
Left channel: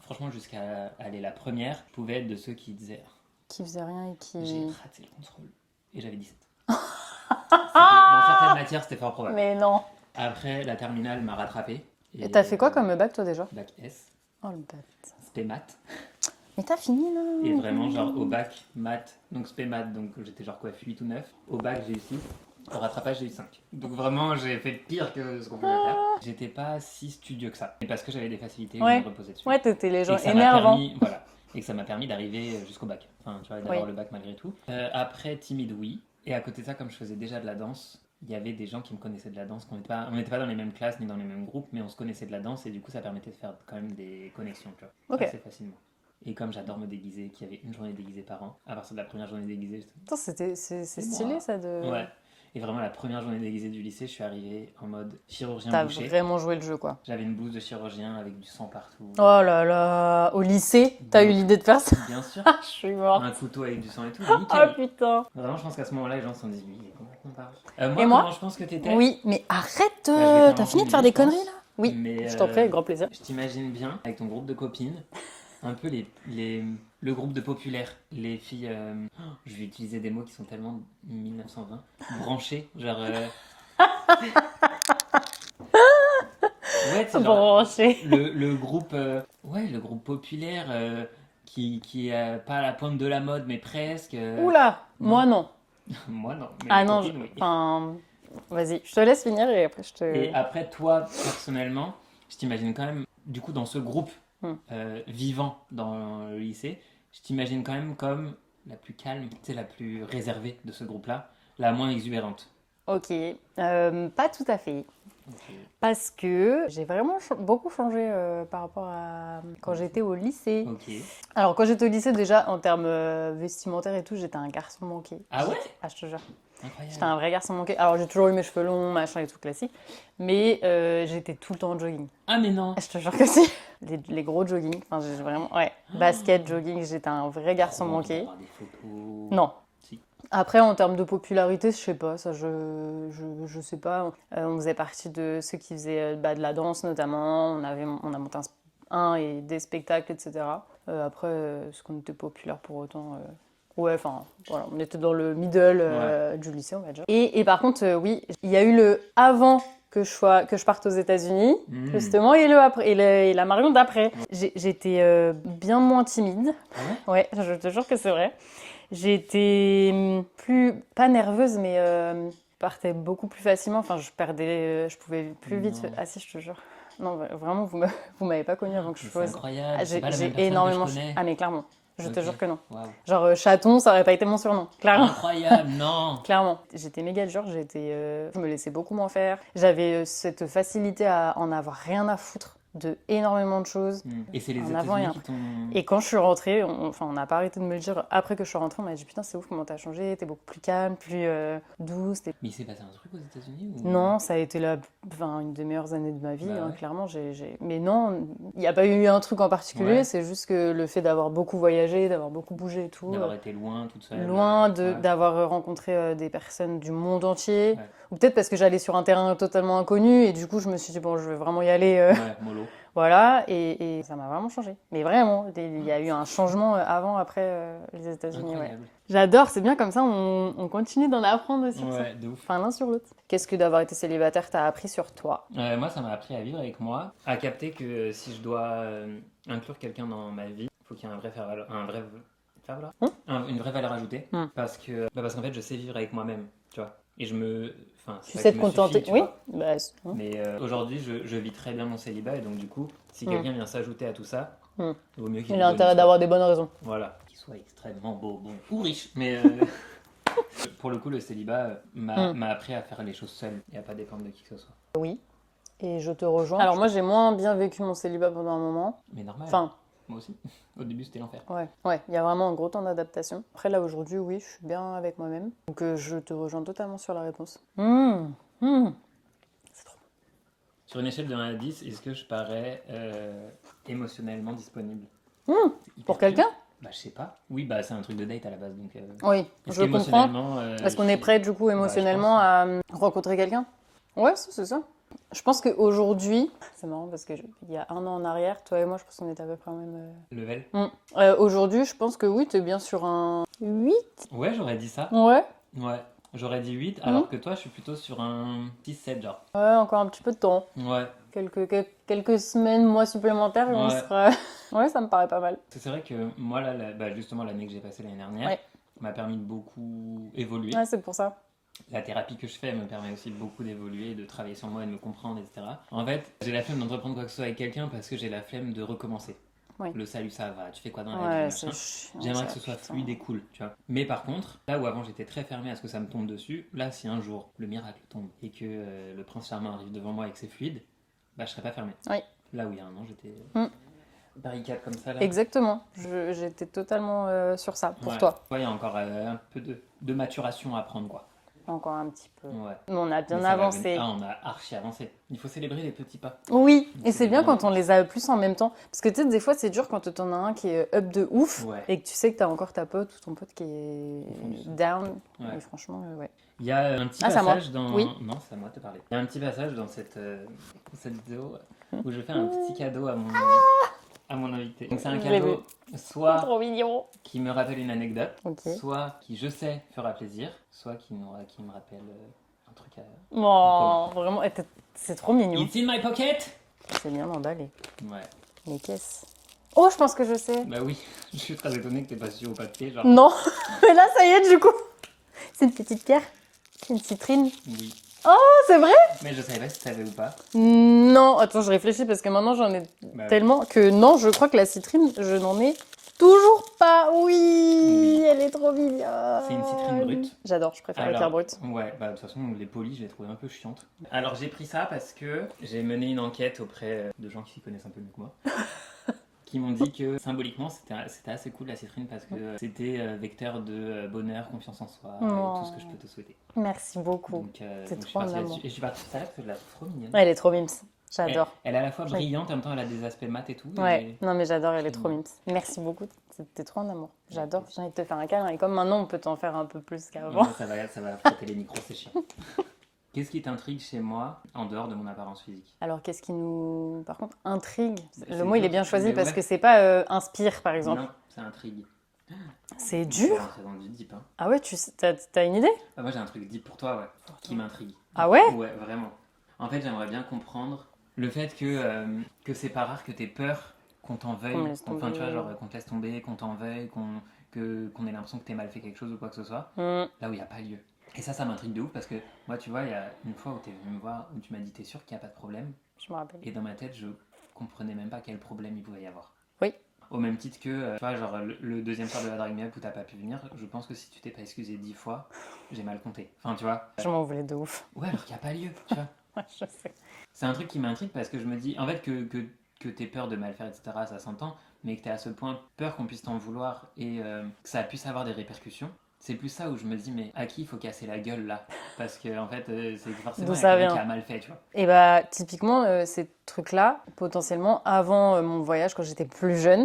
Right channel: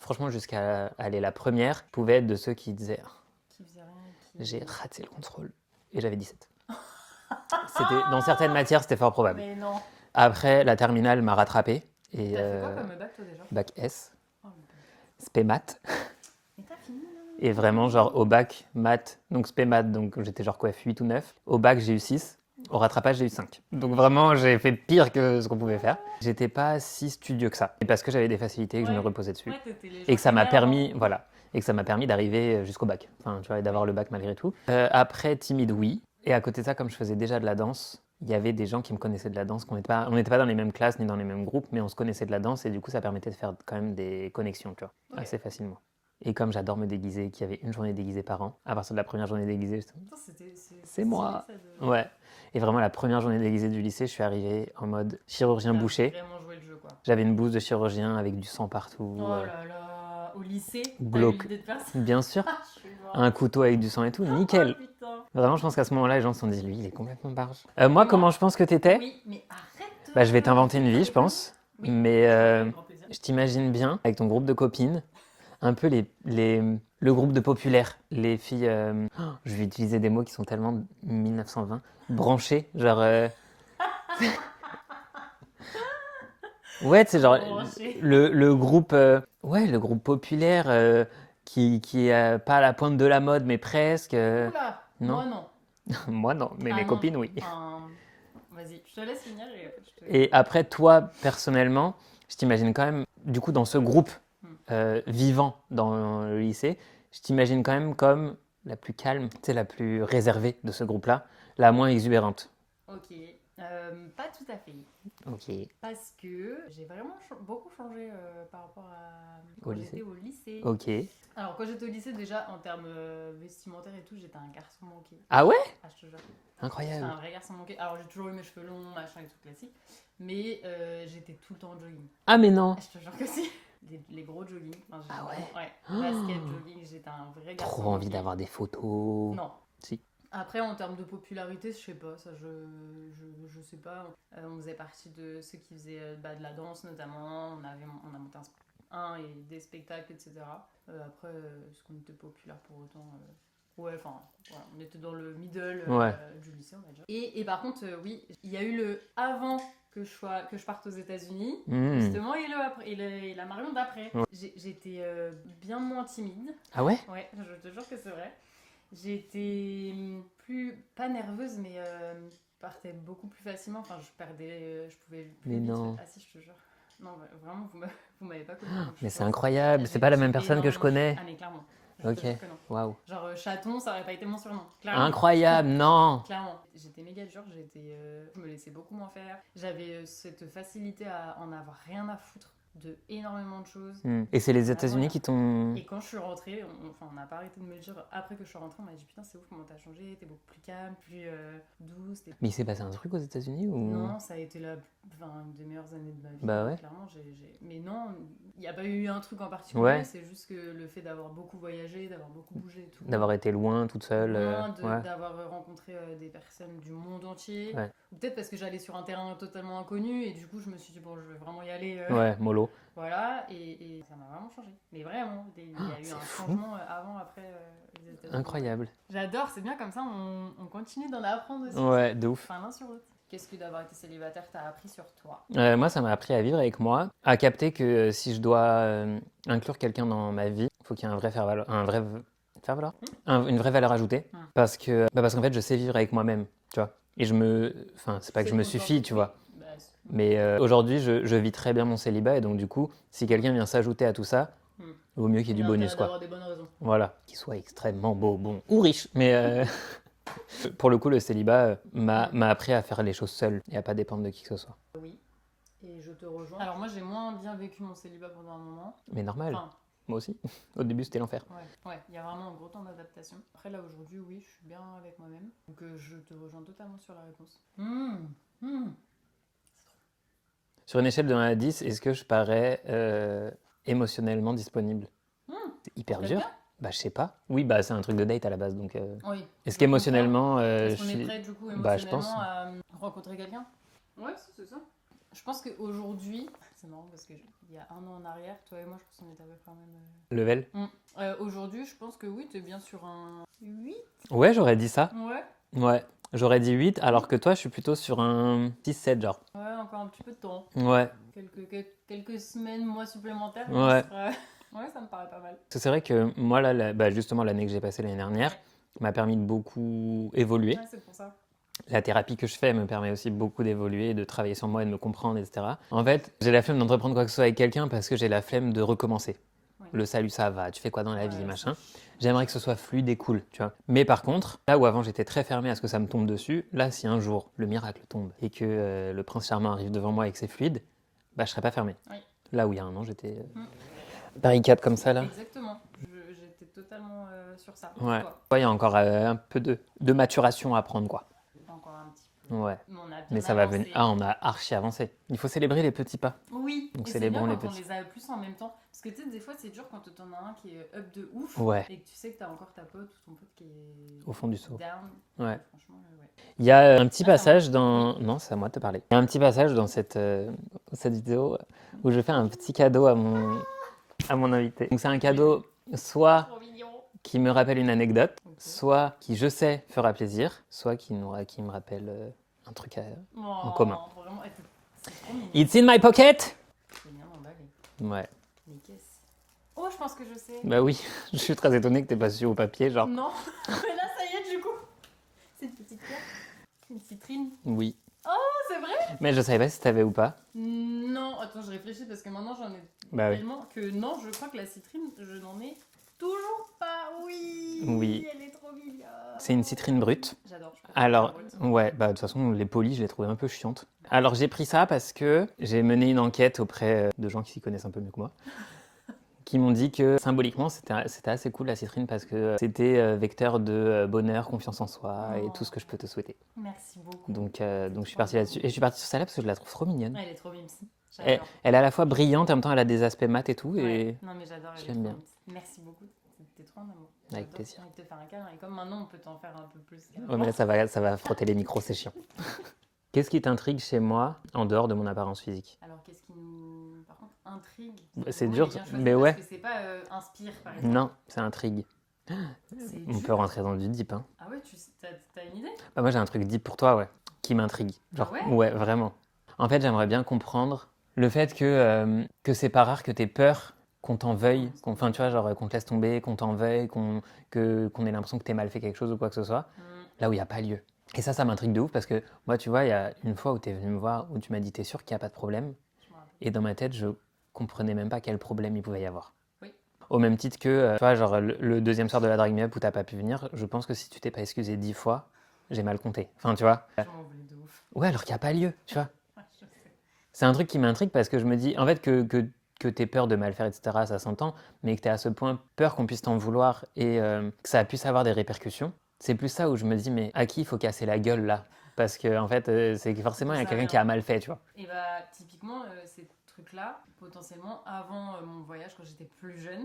franchement, jusqu'à aller la première, pouvaient être de ceux qui disaient Qui faisait rien et qui... j'ai raté le contrôle. Et j'avais 17. Dans certaines matières, c'était fort probable. Mais non. Après, la terminale m'a rattrapé. Et t'as fait quoi comme bac, toi, déjà? Bac S, Oh, le bac. spé maths. Mais t'as fini, là? Et vraiment, genre, au bac, maths, donc spé maths, donc j'étais genre quoi, 8 ou 9. Au bac, j'ai eu 6. Au rattrapage, j'ai eu 5. Donc vraiment, j'ai fait pire que ce qu'on pouvait faire. J'étais pas si studieux que ça. Et parce que j'avais des facilités, que je Ouais. me reposais dessus. Ouais, t'étais les gens Et que ça m'a énervants. permis, voilà, et que ça m'a permis d'arriver jusqu'au bac. Enfin, tu vois, d'avoir Oui. le bac malgré tout. Après, timide, oui. Et à côté de ça, comme je faisais déjà de la danse, il y avait des gens qui me connaissaient de la danse, on n'était pas dans les mêmes classes ni dans les mêmes groupes, mais on se connaissait de la danse et du coup, ça permettait de faire quand même des connexions, tu vois, Ok. assez facilement. Et comme j'adore me déguiser, qu'il y avait une journée déguisée par an, à partir de la première journée déguisée, Putain, c'est stylé, moi. ça, de... ouais. Et vraiment, la première journée déguisée du lycée, je suis arrivé en mode chirurgien T'as boucher. vraiment joué le jeu, quoi. J'avais une blouse de chirurgien avec du sang partout. Oh là là, au lycée, t'as eu Glauque. l'idée de faire ça? Bien sûr. Je suis morte. Un couteau avec du sang et tout, Oh nickel. putain. Vraiment, je pense qu'à ce moment-là, les gens se sont dit, lui, il est complètement barge. Et Moi, moi comment je pense que t'étais? Oui, mais arrête. Bah, je vais t'as t'inventer fini une de faire vie, des je pense. conneries, là? Oui, Mais je t'en prie, avec grand plaisir. je t'imagine bien avec ton groupe de copines, un peu le groupe de populaires, les filles, je vais utiliser des mots qui sont tellement 1920, branchées, genre... Ouais, c'est genre Branché. le groupe, le groupe populaire qui est pas à la pointe de la mode, mais presque. Oula, non. moi non. Moi non, mais Ah mes non, copines oui. Enfin, vas-y, je te laisse finir et après je te... Et après toi, personnellement, je t'imagine quand même, du coup, dans ce groupe vivant dans le lycée, je t'imagine quand même comme la plus calme, tu sais, la plus réservée de ce groupe-là, la moins exubérante. Ok, pas tout à fait. Ok. Parce que j'ai vraiment beaucoup changé par rapport à quand Au lycée. j'étais au lycée. Ok. Alors, quand j'étais au lycée, déjà, en termes vestimentaires et tout, j'étais un garçon manqué. Ah ouais? Ah, je te jure. Incroyable. J'étais un vrai garçon manqué. Alors, j'ai toujours eu mes cheveux longs, machin et tout classique. Mais j'étais tout le temps en jogging. Ah mais non. Ah, je te jure que si. Les gros jogging. Enfin, j'ai vraiment... Ouais. Basket, jogging, j'étais un vrai garçon Trop envie manqué. d'avoir des photos. Non. Si. Après, en termes de popularité, je sais pas, ça je sais pas. On faisait partie de ceux qui faisaient de la danse notamment, on a monté et des spectacles, etc. Après, est-ce qu'on était populaire pour autant Ouais, enfin, voilà, on était dans le middle du lycée, on va dire. Et par contre, oui, il y a eu le avant que je parte aux États-Unis, justement, et le après, et la Marion d'après. J'étais bien moins timide. Ah ouais? Ouais, je te jure que c'est vrai. J'étais pas nerveuse, mais je partais beaucoup plus facilement. Enfin, je pouvais plus Mais vite. non. Ah si, je te jure. Non, vraiment, vous m'avez pas connue avant que je Mais sois. c'est incroyable, Ah, c'est pas la même j'ai personne que je énormément connais. Ah, mais clairement. Je te Ok. jure que non. Waouh. Genre, chaton, ça aurait pas été mon surnom. Clairement. Incroyable, non. Clairement. J'étais méga dure, je me laissais beaucoup m'en faire. J'avais cette facilité à en avoir rien à foutre de énormément de choses. Et c'est les En avant et États-Unis après. qui t'ont. Et quand je suis rentrée, on n'a pas arrêté de me le dire après que je suis rentrée, on m'a dit putain c'est ouf comment t'as changé, t'es beaucoup plus calme, plus douce. Mais il s'est passé un truc aux États-Unis ou... Non, ça a été une des meilleures années de ma vie, Bah ouais. clairement. Mais non, il n'y a pas eu un truc en particulier, Ouais. c'est juste que le fait d'avoir beaucoup voyagé, d'avoir beaucoup bougé et tout. D'avoir été loin, toute seule. Loin ouais. d'avoir rencontré des personnes du monde entier. Ouais. Ou peut-être parce que j'allais sur un terrain totalement inconnu et du coup je me suis dit bon je vais vraiment y aller. Ouais, mollo. Voilà, et ça m'a vraiment changé. Mais vraiment, il y a eu un changement avant, après les États-Unis. Incroyable. Ouais. J'adore, c'est bien comme ça, on continue d'en apprendre aussi. Ouais, de ouf. Enfin, l'un sur l'autre. Qu'est-ce que d'avoir été célibataire t'a appris sur toi? Moi, ça m'a appris à vivre avec moi, à capter que si je dois inclure quelqu'un dans ma vie, il faut qu'il y ait un vrai une vraie valeur ajoutée. Parce qu'en fait, je sais vivre avec moi-même, tu vois. Et enfin, c'est pas que je me suffis, tu vois. Mais aujourd'hui, je vis très bien mon célibat et donc du coup, si quelqu'un vient s'ajouter à tout ça, il vaut mieux qu'il y ait Il a du bonus. intérêt d'avoir des bonnes raisons. Voilà, qu'il soit extrêmement beau, bon ou riche. Mais pour le coup, le célibat m'a appris à faire les choses seul et à pas dépendre de qui que ce soit. Oui, et je te rejoins. Alors moi, j'ai moins bien vécu mon célibat pendant un moment. Mais normal. Enfin, moi aussi. Au début, c'était l'enfer. Ouais, il y a vraiment un gros temps d'adaptation. Après, là, aujourd'hui, oui, je suis bien avec moi-même. Donc, je te rejoins totalement sur la réponse. C'est trop bon. Sur une échelle de 1 à 10, est-ce que je parais émotionnellement disponible? C'est hyper Pour quelqu'un? dur. Bah, je sais pas. Oui, bah, c'est un truc de date à la base. Donc, Oui. est-ce qu'émotionnellement. Parce qu'on est prêt, du coup, émotionnellement à rencontrer quelqu'un? Ouais, c'est ça. Je pense qu'aujourd'hui, c'est marrant parce qu'il y a 1 an en arrière, toi et moi, je pense qu'on était à peu près au même Level? Aujourd'hui, je pense que oui, t'es bien sur un 8. Ouais, j'aurais dit ça. Ouais. Ouais, j'aurais dit 8, alors que toi, je suis plutôt sur un 6-7, genre. Ouais, encore un petit peu de temps. Ouais. Quelques semaines, mois supplémentaires, on sera... Ouais, ça me paraît pas mal. C'est vrai que moi, là, justement, l'année que j'ai passée l'année dernière m'a permis de beaucoup évoluer. Ouais, c'est pour ça. La thérapie que je fais me permet aussi beaucoup d'évoluer, de travailler sur moi, de me comprendre, etc. En fait, j'ai la flemme d'entreprendre quoi que ce soit avec quelqu'un parce que j'ai la flemme de recommencer. Oui. Le salut, ça va, tu fais quoi dans la vie, machin. Chiant, J'aimerais que ce soit fluide et cool, tu vois. Mais par contre, là où avant j'étais très fermé à ce que ça me tombe dessus, là, si un jour le miracle tombe et que le prince charmant arrive devant moi et que c'est fluide, bah je serais pas fermé. Oui. Là où il y a 1 an, j'étais barricade comme ça, là. Exactement. J'étais totalement sur ça, pour toi. Ouais, il y a encore un peu de maturation à prendre, quoi. Encore un petit peu. Ouais. Mais on a bien Mais ça avancé. on a archi avancé. Il faut célébrer les petits pas. Oui, Donc et c'est bien célébrons quand on les a plus en même temps. Parce que tu sais, des fois, c'est dur quand t'en as un qui est up de ouf et que tu sais que t'as encore ta pote ou ton pote qui est au fond du seau. Down. Ouais. Mais franchement, ouais. Il y a un petit passage dans... Oui. Non, c'est à moi de te parler. Il y a un petit passage dans cette vidéo où je fais un petit cadeau à mon invité. Donc c'est un cadeau soit Trop mignon. qui me rappelle une anecdote, Okay. soit qui je sais fera plaisir, soit qui me rappelle un truc en Oh, commun. vraiment, c'est trop mignon. It's in my pocket. C'est bien emballé. Ouais. Mais qu'est-ce? Oh, je pense que je sais. Bah oui, je suis très étonné que t'aies pas su au papier, genre. Non, mais là, ça y est, du coup. C'est une petite pierre. Une citrine. Oui. Oh, c'est vrai? Mais je savais pas si t'avais ou pas. Non, attends, je réfléchis parce que maintenant j'en ai Bah tellement que non, je crois que la citrine, je n'en ai toujours pas. Oui, elle est trop mignonne. C'est une citrine brute. J'adore, je préfère la brute. Ouais, bah de toute façon, les polis, je les trouvais un peu chiantes. Alors j'ai pris ça parce que j'ai mené une enquête auprès de gens qui s'y connaissent un peu mieux que moi. Qui m'ont dit que symboliquement c'était assez cool la citrine parce que c'était vecteur de bonheur, confiance en soi et tout ce que je peux te souhaiter. Merci beaucoup. Donc je suis parti là-dessus. Et je suis parti sur celle-là parce que je la trouve trop mignonne. Ouais, elle est trop mimes. J'adore. Elle est à la fois brillante, en même temps elle a des aspects mat et tout. Ouais, non mais j'adore, elle est j'aime trop bien. mimes. Merci beaucoup. T'es trop en amour. Avec J'adore. plaisir. J'ai envie de te faire un câlin. Et comme maintenant, on peut t'en faire un peu plus Ouais, qu'avant. mais là, ça va frotter les micros, c'est chiant. Qu'est-ce qui t'intrigue chez moi en dehors de mon apparence physique? Alors, qu'est-ce qui nous, par contre, intrigue? Le C'est mot, il dur, est bien choisi mais parce ouais. que c'est pas inspire, par exemple. Non, c'est intrigue. C'est On peut dur. rentrer dans du deep, hein. Ah ouais, t'as une idée? Ah, moi, j'ai un truc deep pour toi, ouais, qui m'intrigue. Ah Genre, ouais? Ouais, vraiment. En fait, j'aimerais bien comprendre le fait que c'est pas rare que t'aies peur qu'on t'en Qu'on me veuille, laisse enfin, tu tomber. vois, genre qu'on te laisse tomber, qu'on t'en veuille, qu'on ait l'impression que t'aies mal fait quelque chose ou quoi que ce soit, Hmm, là où il n'y a pas lieu. Et ça m'intrigue de ouf parce que moi, tu vois, il y a une fois où t'es venu me voir, où tu m'as dit t'es sûr qu'il n'y a pas de problème, je me rappelle. et dans ma tête, je comprenais même pas quel problème il pouvait y avoir. Oui. Au même titre que, tu vois, genre le deuxième soir de la Drag Me Up où t'as pas pu venir, je pense que si tu t'es pas excusé 10 fois, j'ai mal compté. Enfin, tu vois. Je m'en voulais de ouf. Ouais, alors qu'il n'y a pas lieu, tu vois. Ouais, je sais. C'est un truc qui m'intrigue parce que je me dis, en fait, que t'aies peur de mal faire, etc., ça s'entend, mais que t'aies à ce point peur qu'on puisse t'en vouloir et que ça puisse avoir des répercussions. C'est plus ça où je me dis, mais à qui il faut casser la gueule là? Parce que, en fait, c'est que forcément, D'où il y a ça quelqu'un vient? qui a mal fait, tu vois. Et bah, typiquement, ces trucs-là, potentiellement, avant mon voyage, quand j'étais plus jeune.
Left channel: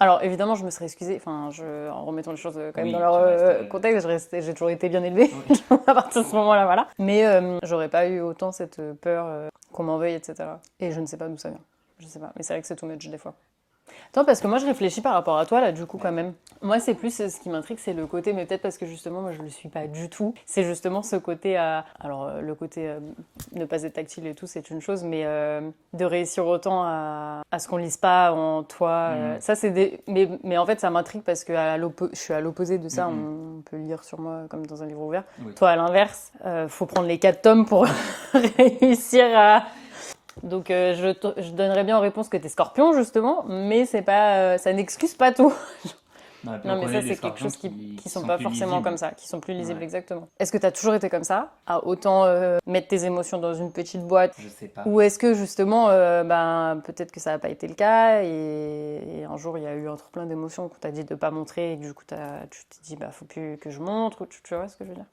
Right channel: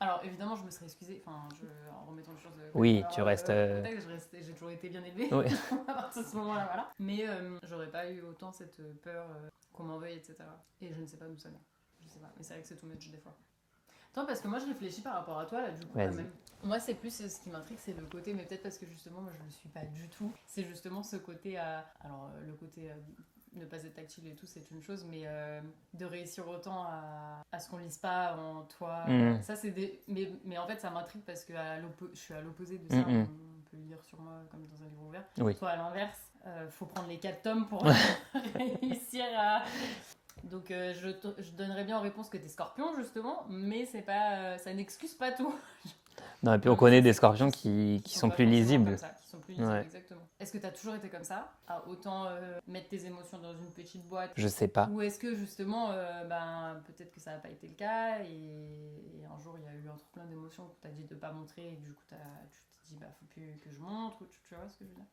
Alors, évidemment, je me serais excusée, enfin, en remettant les choses quand même Oui, dans leur tu restes, contexte, j'ai toujours été bien élevée Ouais. à partir de ce moment-là, voilà. Mais j'aurais pas eu autant cette peur qu'on m'en veuille, etc. Et je ne sais pas d'où ça vient. Je sais pas, mais c'est vrai que c'est too much des fois. Attends, parce que moi je réfléchis par rapport à toi là, du coup, quand Vas-y. même. Moi, c'est plus ce qui m'intrigue, c'est le côté, mais peut-être parce que justement, moi je le suis pas du tout. C'est justement ce côté à. Alors, le côté ne pas être tactile et tout, c'est une chose, mais de réussir autant à ce qu'on lise pas en toi. Ça, c'est des. Mais en fait, ça m'intrigue parce que je suis à l'opposé de ça. On peut lire sur moi comme dans un livre ouvert. Oui. Toi, à l'inverse, faut prendre les 4 tomes pour réussir à. Donc je donnerais bien en réponse que t'es scorpion justement, mais c'est pas, ça n'excuse pas tout. Non, et puis Non, on mais connaît ça, des c'est quelque scorpions chose qui sont sont pas plus forcément lisibles. comme ça, qui sont plus lisibles Ouais. exactement. Est-ce que t'as toujours été comme ça, à autant mettre tes émotions dans une petite boîte, Je sais pas. ou est-ce que justement, ben peut-être que ça n'a pas été le cas et un jour il y a eu un trop plein d'émotions qu'on t'a dit de pas montrer et que du coup tu t'es dit bah faut plus que je montre, ou tu vois ce que je veux dire?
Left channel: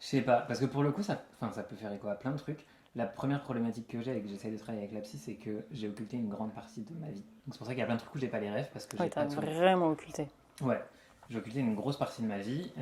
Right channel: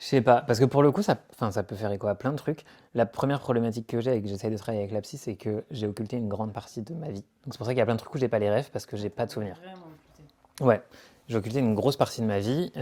Je sais pas, parce que pour le coup, ça peut faire écho à plein de trucs. La première problématique que j'ai et que j'essaie de travailler avec la psy, c'est que j'ai occulté une grande partie de ma vie. Donc c'est pour ça qu'il y a plein de trucs où j'ai pas les rêves parce que j'ai Ouais, pas t'as de souvenirs. vraiment occulté. Ouais, j'ai occulté une grosse partie de ma vie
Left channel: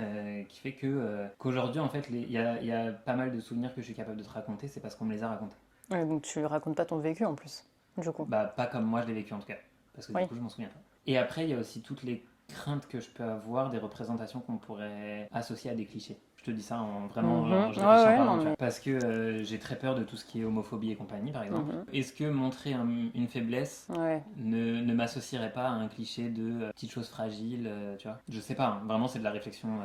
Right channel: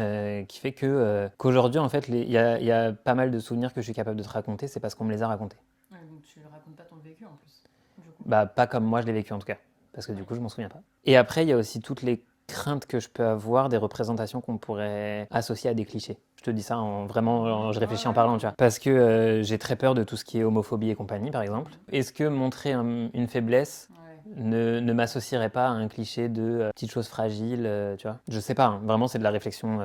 qui fait que qu'aujourd'hui, en fait, il y a pas mal de souvenirs que je suis capable de te raconter, c'est parce qu'on me les a racontés. Ouais, donc tu racontes pas ton vécu en plus, du coup. Bah, pas comme moi je l'ai vécu en tout cas, parce que du Oui. coup, je m'en souviens pas. Et après, il y a aussi toutes les craintes que je peux avoir des représentations qu'on pourrait associer à des clichés. Je te dis ça je réfléchis Ouais, en ouais, parlant, non, tu vois. mais- Parce que j'ai très peur de tout ce qui est homophobie et compagnie, par exemple. Est-ce que montrer une faiblesse Ouais. ne m'associerait pas à un cliché de petite chose fragile, tu vois? Je sais pas, hein. Vraiment, c'est de la réflexion.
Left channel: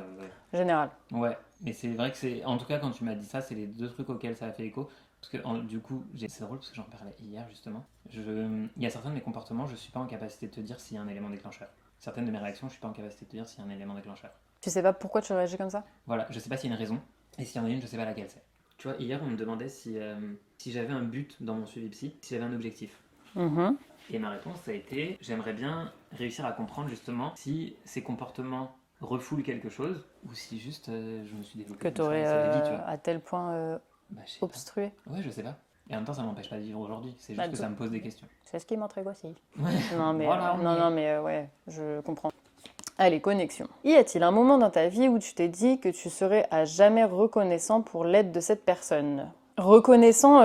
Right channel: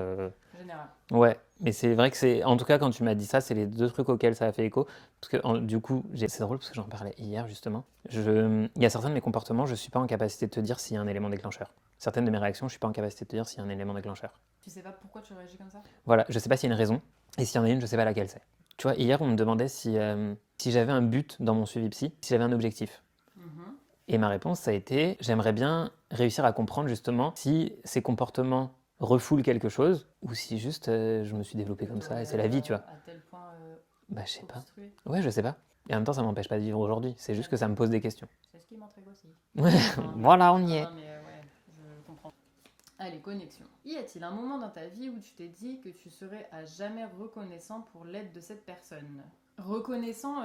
Général. Ouais, mais c'est vrai que c'est. En tout cas, quand tu m'as dit ça, c'est les deux trucs auxquels ça a fait écho. Parce que du coup, c'est drôle parce que j'en parlais hier justement. Il y a certains de mes comportements, je suis pas en capacité de te dire s'il y a un élément déclencheur. Certaines de mes réactions, je suis pas en capacité de te dire s'il y a un élément déclencheur. Tu sais pas pourquoi tu réagis comme ça? Voilà, je sais pas s'il y a une raison. Et s'il y en a une, je sais pas laquelle c'est. Tu vois, hier, on me demandait si j'avais un but dans mon suivi psy, si j'avais un objectif. Mhm. Et ma réponse, ça a été j'aimerais bien réussir à comprendre justement si ces comportements refoulent quelque chose ou si juste je me suis développé Que comme t'aurais ça. C'est la vie, tu vois. à tel point Bah, je sais pas. obstrué. Ouais, je sais pas. Et en même temps, ça m'empêche pas de vivre aujourd'hui. C'est juste Ah, que ça me pose des questions. C'est ce qui m'intrigue aussi. Ouais. Non, mais, Voilà, on non, y est. non, mais ouais, je comprends. Allez, connexion. Y a-t-il un moment dans ta vie où tu t'es dit que tu serais à jamais reconnaissant pour l'aide de cette personne? Reconnaissant,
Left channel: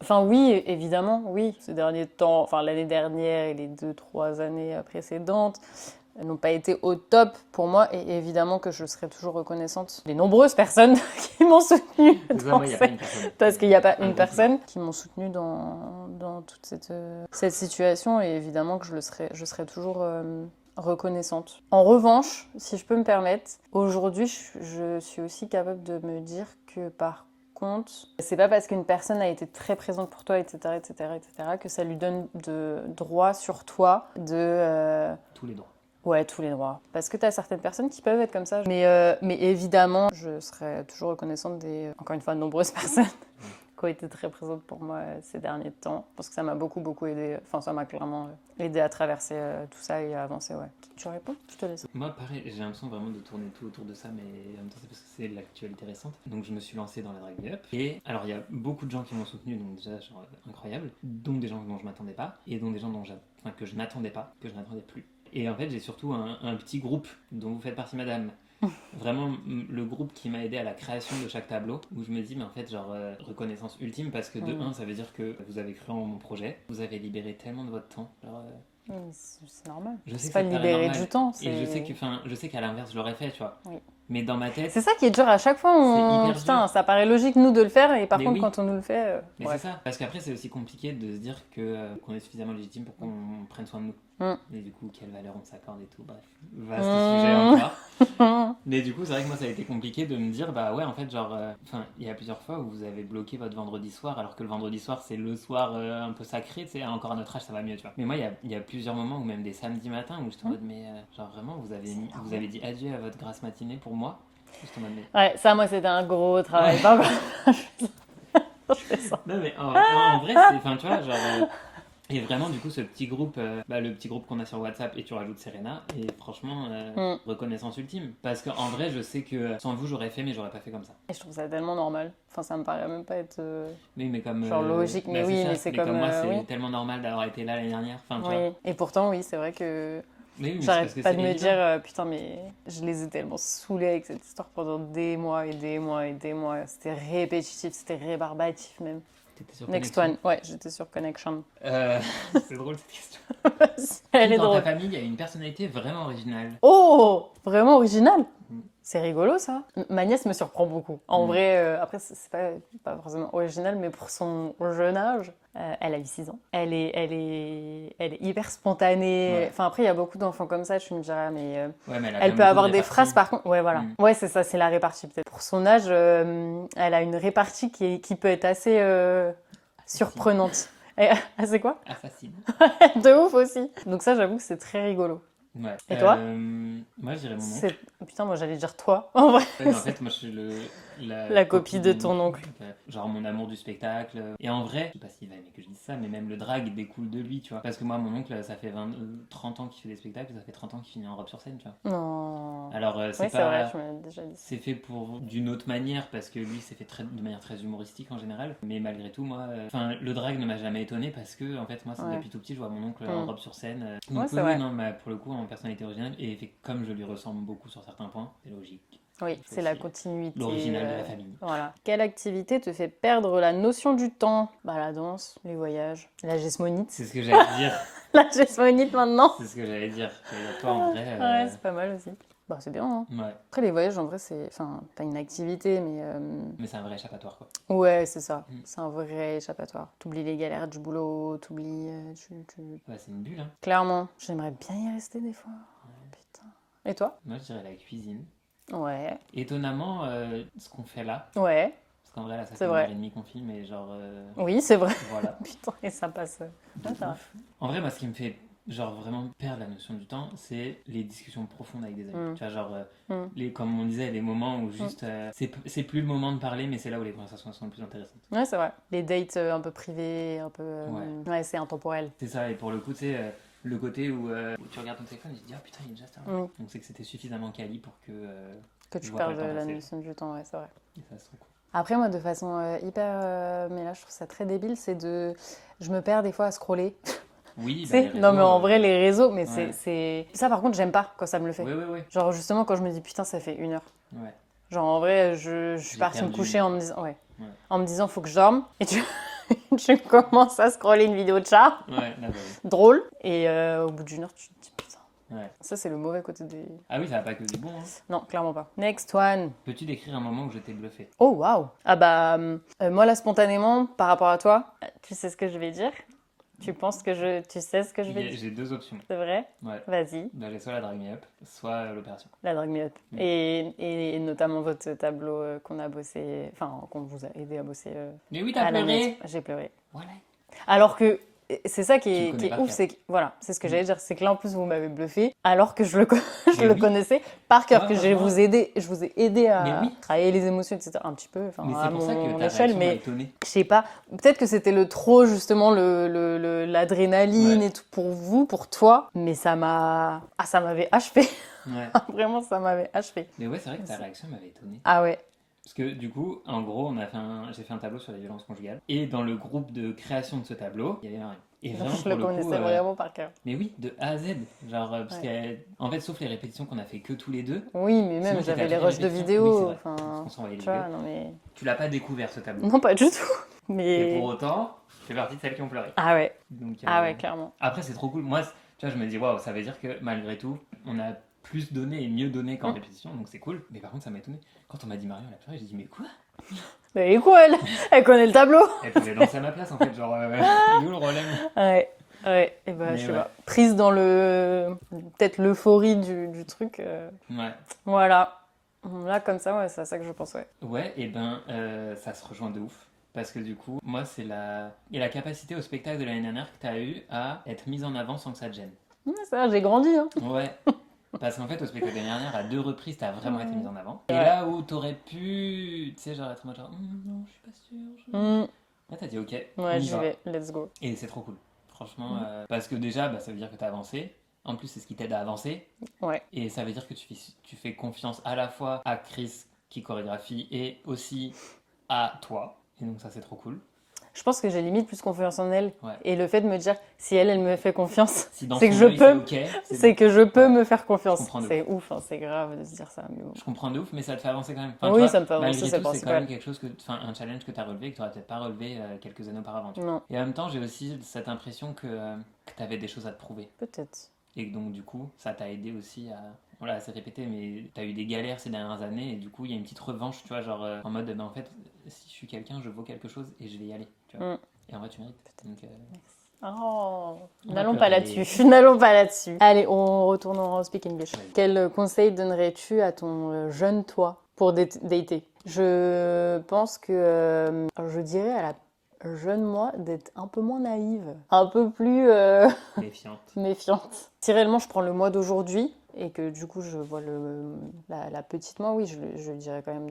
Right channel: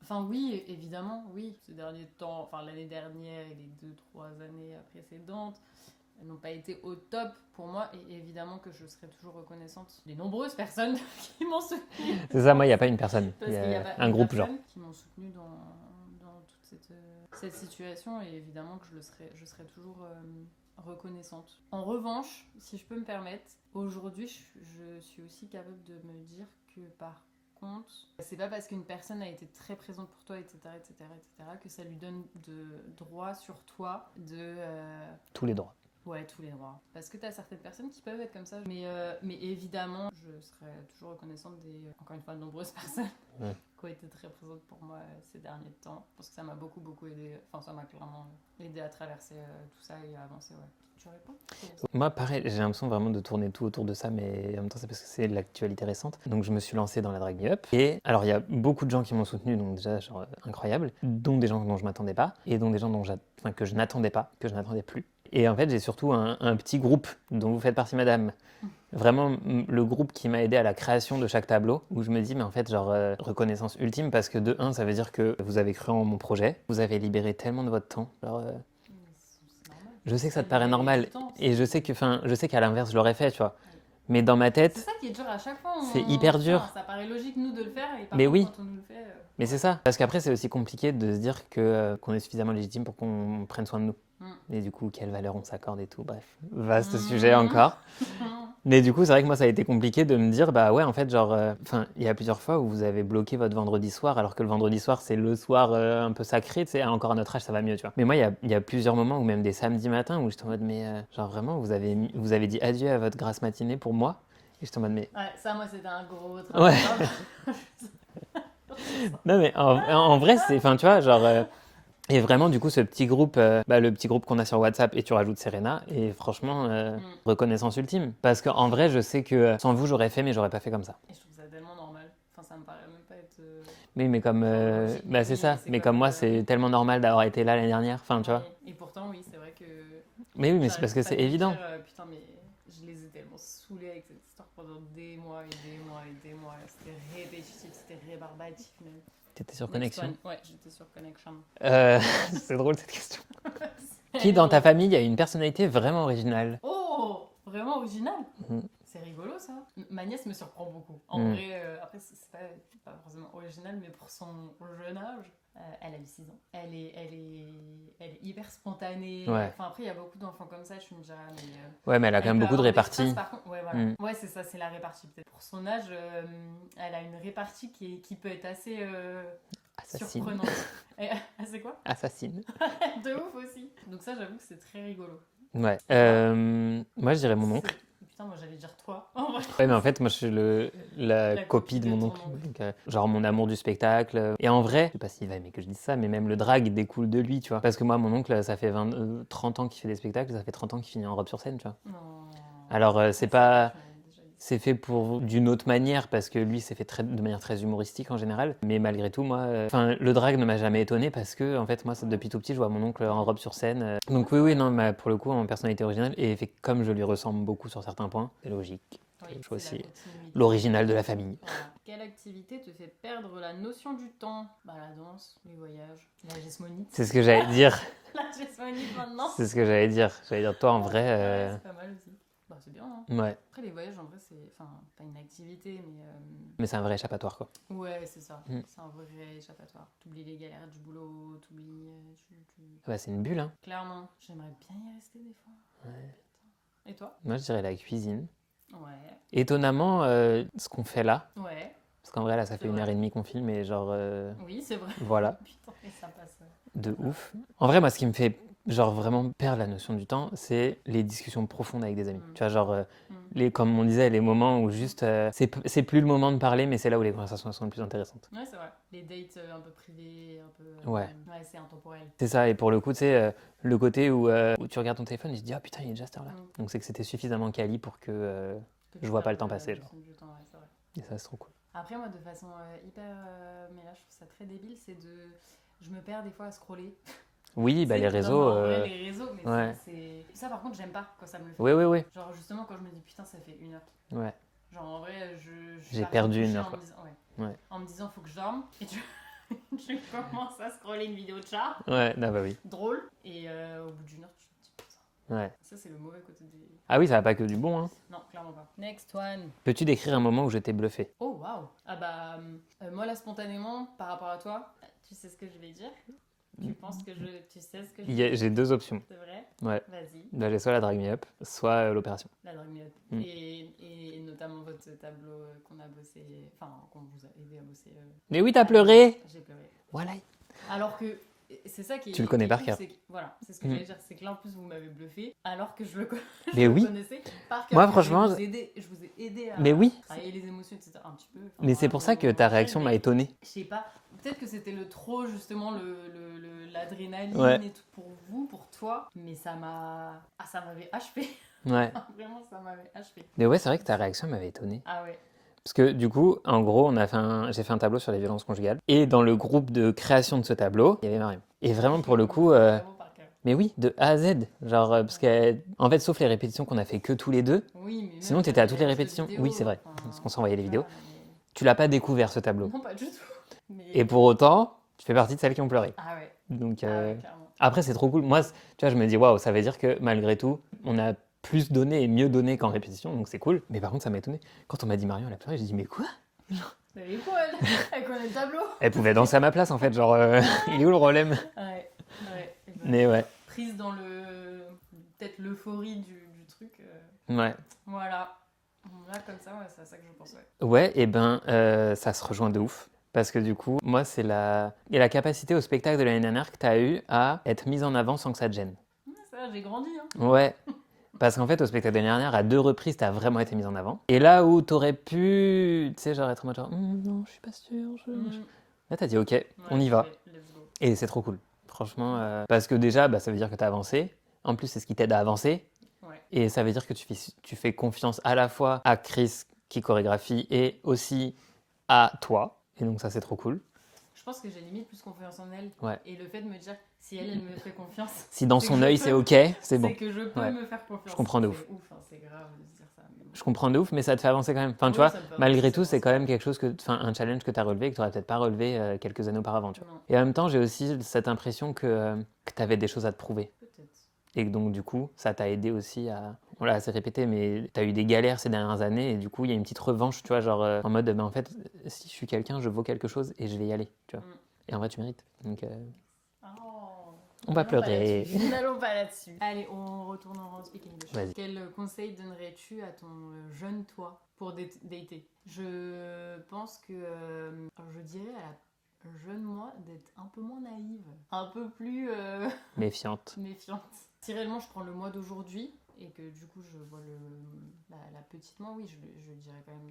enfin oui, évidemment, oui. Ces derniers temps, enfin l'année dernière et les 2-3 années précédentes, elles n'ont pas été au top pour moi et évidemment que je serai toujours reconnaissante des nombreuses personnes qui m'ont soutenue. C'est ça, moi, il n'y a pas une personne. Parce qu'il n'y a pas un une groupe, personne qui m'ont soutenue dans toute cette situation et évidemment que je serai toujours reconnaissante. En revanche, si je peux me permettre, aujourd'hui je suis aussi capable de me dire que par contre, c'est pas parce qu'une personne a été très présente pour toi, etc., etc., etc., que ça lui donne de droits sur toi de... Tous les droits. Ouais, tous les droits. Parce que tu as certaines personnes qui peuvent être comme ça. Mais évidemment, je serai toujours reconnaissante des, encore une fois, nombreuses personnes qui ont été très présentes pour moi ces derniers temps. Parce que ça m'a beaucoup, beaucoup aidé. Enfin, ça m'a clairement aidé à traverser tout ça et à avancer, ouais. Tu réponds? Je te laisse. Moi, pareil, j'ai l'impression vraiment de tourner tout autour de ça, mais en même temps, c'est parce que c'est de l'actualité récente. Donc, je me suis lancé dans la Drag Me Up. Et alors, il y a beaucoup de gens qui m'ont soutenu, donc déjà, genre, incroyable. Dont des gens dont je m'attendais pas, et dont des gens que je n'attendais pas, que je n'attendais plus. Et en fait, j'ai surtout un petit groupe dont vous faites partie, madame. Vraiment, le groupe qui m'a aidé à la création de chaque tableau, où je me dis, mais en fait, genre, reconnaissance ultime, parce que de un, ça veut dire que vous avez cru en mon projet, vous avez libéré tellement de votre temps. Genre, Oui, mais c'est normal. je sais C'est que ça pas te paraît libérer normal, du temps. et je sais qu'à l'inverse, je l'aurais fait, tu vois. Oui. Mais dans ma tête, C'est ça qui est dur à chaque fois. c'est hyper Putain, dur. ça paraît logique, nous, de le faire, et par Mais contre, oui. quand on nous le fait. Mais ouais. c'est ça, parce qu'après c'est aussi compliqué de se dire que qu'on est suffisamment légitime pour qu'on prenne soin de nous. Et du coup, quelle valeur on s'accorde et tout, bref, vaste sujet encore. Mais du coup, c'est vrai que moi ça a été compliqué de me dire, bah ouais, en fait, genre, enfin, il y a plusieurs fois où vous avez bloqué votre vendredi soir, alors que le vendredi soir c'est le soir un peu sacré, tu sais, encore à notre âge ça va mieux, tu vois. Mais moi, il y a plusieurs moments, ou même des samedis matins, où j'étais en mode, mais genre vraiment, vous avez dit adieu à votre grasse matinée pour moi. Et j'étais en mode, mais. Ouais, ça, moi, c'était un gros travail. Non mais en vrai c'est, enfin tu vois genre et vraiment du coup ce petit groupe, le petit groupe qu'on a sur WhatsApp et tu rajoutes Serena et franchement reconnaissance ultime parce qu'en vrai je sais que sans vous j'aurais fait mais j'aurais pas fait comme ça. Et je trouve ça tellement normal. Enfin, ça me paraît même pas être. Oui mais comme genre logique, mais c'est oui, ça, mais c'est mais comme, comme moi c'est oui. tellement normal d'avoir été là l'année dernière, enfin tu vois. Oui. Et pourtant, oui, c'est vrai que. Mais oui mais c'est parce J'arrête que pas c'est de me évident. dire, putain, mais je les ai tellement saoulés avec cette histoire pendant des mois et des mois et des mois. C'était répétitif, c'était rébarbatif même. T'étais sur Next Connection. one, ouais, j'étais sur Connection. C'est drôle cette question. Elle Qui est dans ta drôle. famille a une personnalité vraiment originale? Oh, vraiment original. Mhm. C'est rigolo ça. Ma nièce me surprend beaucoup. En Mhm. vrai, après, c'est pas forcément original, mais pour son jeune âge, elle a eu 6 ans. Elle est hyper spontanée. Ouais. Enfin, après, il y a beaucoup d'enfants comme ça, tu me diras, mais Ouais mais elle a quand elle même peut beaucoup avoir de des réparties. phrases par contre. Ouais, voilà. Mhm. Ouais, c'est ça, c'est la répartie peut-être. Pour son âge, elle a une répartie qui peut être assez Assassine. surprenante. C'est quoi? Assassine. De ouf aussi. Donc ça, j'avoue que c'est très rigolo. Ouais. Et toi? Moi je dirais mon oncle. Putain, moi j'allais dire toi. En vrai. Ouais, mais en fait, moi, je suis la copie de mon ton oncle. Donc, genre mon amour du spectacle. Et en vrai, je sais pas s'il va aimer que je dise ça, mais même le drag découle de lui, tu vois. Parce que moi, mon oncle, ça fait 30 ans qu'il fait des spectacles, ça fait 30 ans qu'il finit en robe sur scène, tu vois. Non. Alors, c'est Oui, pas. vrai, tu m'avais déjà dit ça. C'est fait d'une autre manière, parce que lui, c'est fait de manière très humoristique en général. Mais malgré tout, moi, le drag ne m'a jamais étonné parce que, en fait, moi, Ouais. depuis tout petit, je vois mon oncle en robe sur scène. Ouais, Donc, c'est oui, vrai. non, mais pour le coup, en personnalité originale, et comme je lui ressemble beaucoup sur certains points, c'est logique. Oui, Il faut c'est la aussi continuité. l'original de la famille. Voilà. Quelle activité te fait perdre la notion du temps? Bah, la danse, les voyages, la gesmonite. C'est ce que j'allais dire. La gesmonite maintenant. C'est ce que j'allais dire. J'allais dire, toi, en vrai. Ouais, c'est pas mal aussi. Bah, c'est bien, hein. Ouais, Après, les voyages, en vrai, c'est. Enfin, pas une activité, mais. mais c'est un vrai échappatoire, quoi. Ouais, c'est ça. Mm. C'est un vrai échappatoire. T'oublies les galères du boulot, t'oublies. Bah, c'est une bulle, hein. Clairement. J'aimerais bien y rester des fois. Putain. Et toi? Moi, je dirais la cuisine. Ouais. Étonnamment, ce qu'on fait là, Ouais. parce qu'en vrai, là, ça C'est fait vrai. 1h30 qu'on filme, et genre, Oui, c'est vrai. voilà, Putain, et ça passe. de Ouais, ça va. ouf. En vrai, moi, ce qui me fait, genre, vraiment perdre la notion du temps, c'est les discussions profondes avec des amis. Mm. Tu vois, genre, Mm. comme on disait, les moments où juste, c'est plus le moment de parler, mais c'est là où les conversations sont les plus intéressantes. Ouais, c'est vrai. Les dates un peu privées, un peu. Ouais. C'est intemporel. C'est ça, et pour le coup, tu sais, le côté où tu regardes ton téléphone et tu te dis, ah putain, il est déjà cette heure-là. Oui. Donc c'est que c'était suffisamment quali pour que Que tu je vois pas le perdes temps passer. la notion du temps, ouais, c'est vrai. Et ça, c'est trop cool. Après, moi, de façon hyper. Mais là, je trouve ça très débile, c'est de. Je me perds des fois à scroller. Oui, Tu bah, sais, les réseaux. non, mais en vrai, les réseaux, mais ouais. c'est. Ça, par contre, j'aime pas quand ça me le fait. Oui, oui, oui. Genre, justement, quand je me dis, putain, ça fait 1 heure. Ouais. Genre, en vrai, je suis J'ai partie me perdu coucher 1 heure, en me disant. Ouais. Ouais. En me disant, faut que je dorme. Et tu commences à scroller une vidéo de chat. Ouais, bah oui. Drôle. Et au bout d'1 heure, tu te dis, putain. Ouais. Ça, c'est le mauvais côté des. Ah oui, ça va pas que du bon. Hein. Non, clairement pas. Next one. Peux-tu décrire un moment où je t'ai bluffé? Oh, waouh. Ah bah, moi, là, spontanément, par rapport à toi, tu sais ce que je vais dire? Tu penses que tu sais ce que je vais dire? J'ai 2 options. C'est vrai? Ouais. Vas-y, Bah, j'ai soit la Drag Me Up, soit l'opération. la Drag Me Up. Mm. Et notamment votre tableau qu'on a bossé, enfin, qu'on vous a aidé à bosser. Mais oui, t'as à la pleuré! mettre. J'ai pleuré. Voilà. Alors que c'est ça qui Tu le est, connais qui est par ouf, cœur. c'est que, voilà, c'est ce que Mm. j'allais dire, c'est que là en plus vous m'avez bluffé, alors que je le Mais oui. connaissais par cœur, Moi, que je franchement, vous ai aidé à Mais oui. travailler les émotions, etc. Un petit peu. Enfin, Mais c'est à pour ça que mon ta échelle, réaction m'a mais étonné. je sais pas, peut-être que c'était le trop justement l'adrénaline Ouais. et tout pour vous, pour toi, mais ça m'avait achevé. Ouais. Vraiment, ça m'avait achevé. Mais ouais, c'est vrai que ta réaction m'avait étonné. Ah ouais. Parce que du coup, en gros, j'ai fait un tableau sur les violences conjugales. Et dans le groupe de création de ce tableau, il y avait Mariam. Et vraiment, Je pour le coup, connaissais vraiment par cœur. mais oui, de A à Z. Genre, parce qu'en fait, sauf les répétitions qu'on a fait que tous les deux, Oui, mais sinon même t'étais à j'avais toutes les les rosses de répétitions. vidéos. Oui, c'est vrai, Enfin, parce qu'on s'envoyait les tu vidéos. vois, non, mais... Tu l'as pas découvert ce tableau. Non, pas du tout. Mais... Et pour autant, tu fais partie de celles qui ont pleuré. Ah ouais, Donc, ah ouais, clairement. après, c'est trop cool. Moi, tu vois, je me dis, waouh, ça veut dire que malgré tout, on a plus donné et mieux donné qu'en répétition, donc c'est cool. Mais par contre, ça m'a étonné. Quand on m'a dit Marion, elle a pleuré, j'ai dit, mais quoi? Mais elle est quoi, elle? Elle connaît le tableau. Elle pouvait danser à ma place, en fait. Genre, il est où le problème? Ouais, ouais. Et bah, Mais je sais ouais. pas. Prise dans le... Peut-être l'euphorie du truc. Ouais. Voilà. Là, comme ça, ouais, c'est à ça que je pense, ouais. Ouais, et ben, ça se rejoint de ouf. Parce que du coup, moi, c'est la capacité au spectacle de l'année dernière que tu as eu à être mise en avant sans que ça te gêne. Ouais, ça, j'ai grandi, hein. Ouais. Parce qu'en fait, au spectacle de l'année dernière, à 2 reprises, tu as vraiment été mise en avant. Et là où tu aurais pu, tu sais, genre être en mode genre, non, je suis pas sûre. Là, tu as dit, ok, on y va. Let's go. Et c'est trop cool. Franchement, parce que déjà, bah, ça veut dire que tu as avancé. En plus, c'est ce qui t'aide à avancer. Ouais. Et ça veut dire que tu fais confiance à la fois à Chris qui chorégraphie et aussi à toi. Et donc ça, c'est trop cool. Je pense que j'ai limite plus confiance en elle. Ouais. Et le fait de me dire, si elle me fait confiance, Si dans c'est son que œil, je c'est peux, ok, c'est bon. que je peux Ouais. me faire confiance. Je comprends de C'est ouf, hein, c'est grave de se dire ça. Mais bon. Je comprends de ouf, mais ça te fait avancer quand même. Enfin, Oui, tu vois, ça me fait avancer, malgré c'est tout, le c'est quand principal. même quelque chose un challenge que tu as relevé et que tu n'aurais peut-être pas relevé quelques années auparavant. Tu vois. Non, Et en même temps, j'ai aussi cette impression que tu avais des choses à te prouver. peut-être. Et que donc, du coup, ça t'a aidé aussi à. On l'a assez répété, mais tu as eu des galères ces dernières années et du coup, il y a une petite revanche, tu vois, genre en mode, en fait, si je suis quelqu'un, je vaux quelque chose et je vais y aller, tu vois. Et en vrai, tu mérites. Donc, Oh, On va n'allons pas pleurer. là-dessus. N'allons pas là-dessus. Allez, on retourne en speak English. Vas-y. Quel conseil donnerais-tu à ton jeune toi pour dater? Je pense que je dirais à la jeune moi d'être un peu moins naïve, un peu plus méfiante. méfiante. Si réellement je prends le moi d'aujourd'hui et que du coup je vois la petite moi, oui, je dirais quand même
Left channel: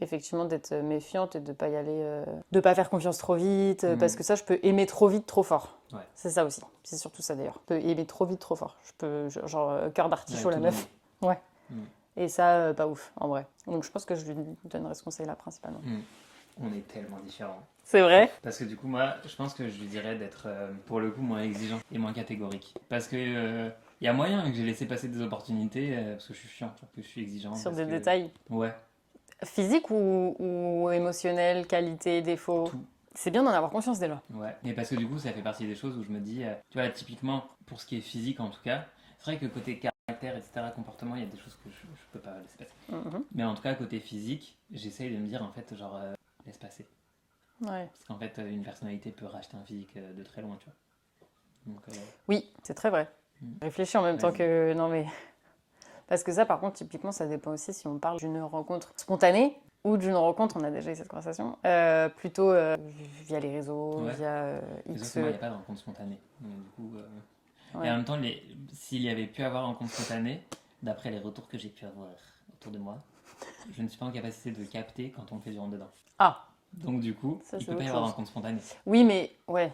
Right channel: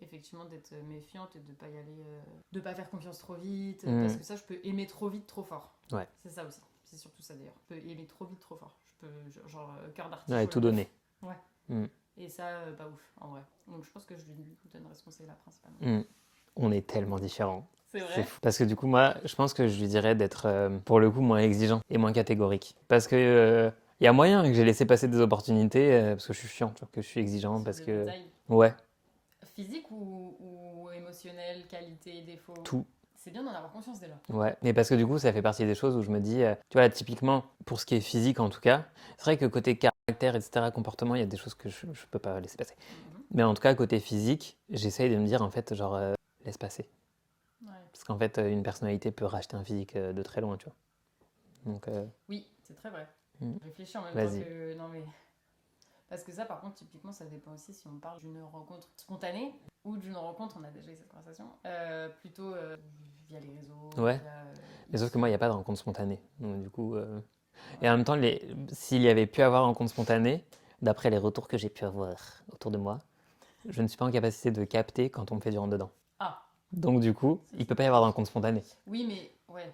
effectivement d'être méfiante et de pas y aller, de pas faire confiance trop vite, parce que ça je peux aimer trop vite, trop fort. Ouais. C'est ça aussi, c'est surtout ça d'ailleurs. Je peux aimer trop vite, trop fort. Je peux, genre, cœur d'artichaut Ouais, la tout meuf. donner. Ouais. Mm. Et ça, pas ouf, en vrai. Donc je pense que je lui donnerais ce conseil-là principalement. On est tellement différents. C'est vrai. Parce que du coup, moi, je pense que je lui dirais d'être, pour le coup, moins exigeant et moins catégorique. Parce que y a moyen que j'ai laissé passer des opportunités parce que je suis chiant, tu vois, que je suis exigeant. Sur parce des que... détails. Ouais. Physique ou émotionnel, qualité, défaut. Tout. C'est bien d'en avoir conscience déjà. Ouais. Mais parce que du coup, ça fait partie des choses où je me dis, tu vois, là, typiquement, pour ce qui est physique en tout cas, c'est vrai que côté caractère, etc., comportement, il y a des choses que je peux pas laisser passer. Mais en tout cas, côté physique, j'essaye de me dire, en fait, genre, laisse passer. Ouais. Parce qu'en fait, une personnalité peut racheter un physique de très loin, tu vois. Donc, oui, c'est très vrai. Réfléchis en même temps que... Non mais... Parce que ça, par contre, typiquement, ça dépend aussi si on parle d'une rencontre spontanée ou d'une rencontre, on a déjà eu cette conversation, plutôt via les réseaux, via... Mais sauf que moi, il n'y a pas de rencontre spontanée. Donc, du coup... Ouais. Et en même temps, s'il y avait pu avoir rencontre spontanée, d'après les retours que j'ai pu avoir autour de moi, je ne suis pas en capacité de capter quand on me fait du rentre-dedans. Ah. Donc du coup, il ne peut pas y avoir de rencontre spontanée. Oui, mais ouais.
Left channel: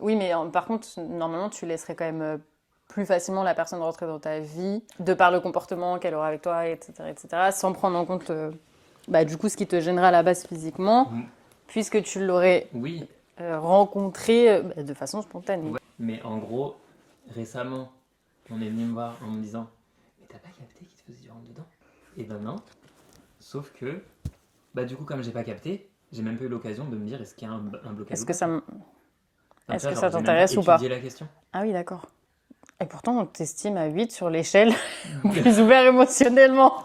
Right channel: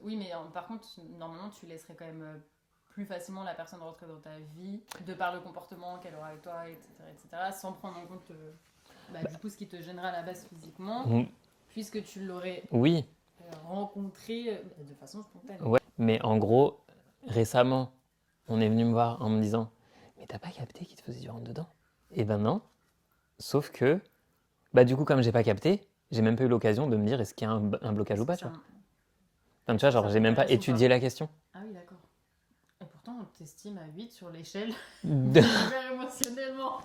Oui, mais par contre, normalement, tu laisserais quand même plus facilement la personne rentrer dans ta vie, de par le comportement qu'elle aura avec toi, etc., etc., sans prendre en compte du coup ce qui te gênera à la base physiquement, puisque tu l'aurais rencontré de façon spontanée. Ouais, mais en gros, récemment, on est venu me voir en me disant « Mais t'as pas capté qu'il te faisait du rentre-dedans ?» Et ben non, sauf que, du coup, comme j'ai pas capté, j'ai même pas eu l'occasion de me dire est-ce qu'il y a un blocage ou pas. Est-ce que ça j'ai même pas t'intéresse ou pas? étudié la question. Ah oui, d'accord. Et pourtant, on t'estime à 8 sur l'échelle, plus ouvert émotionnellement.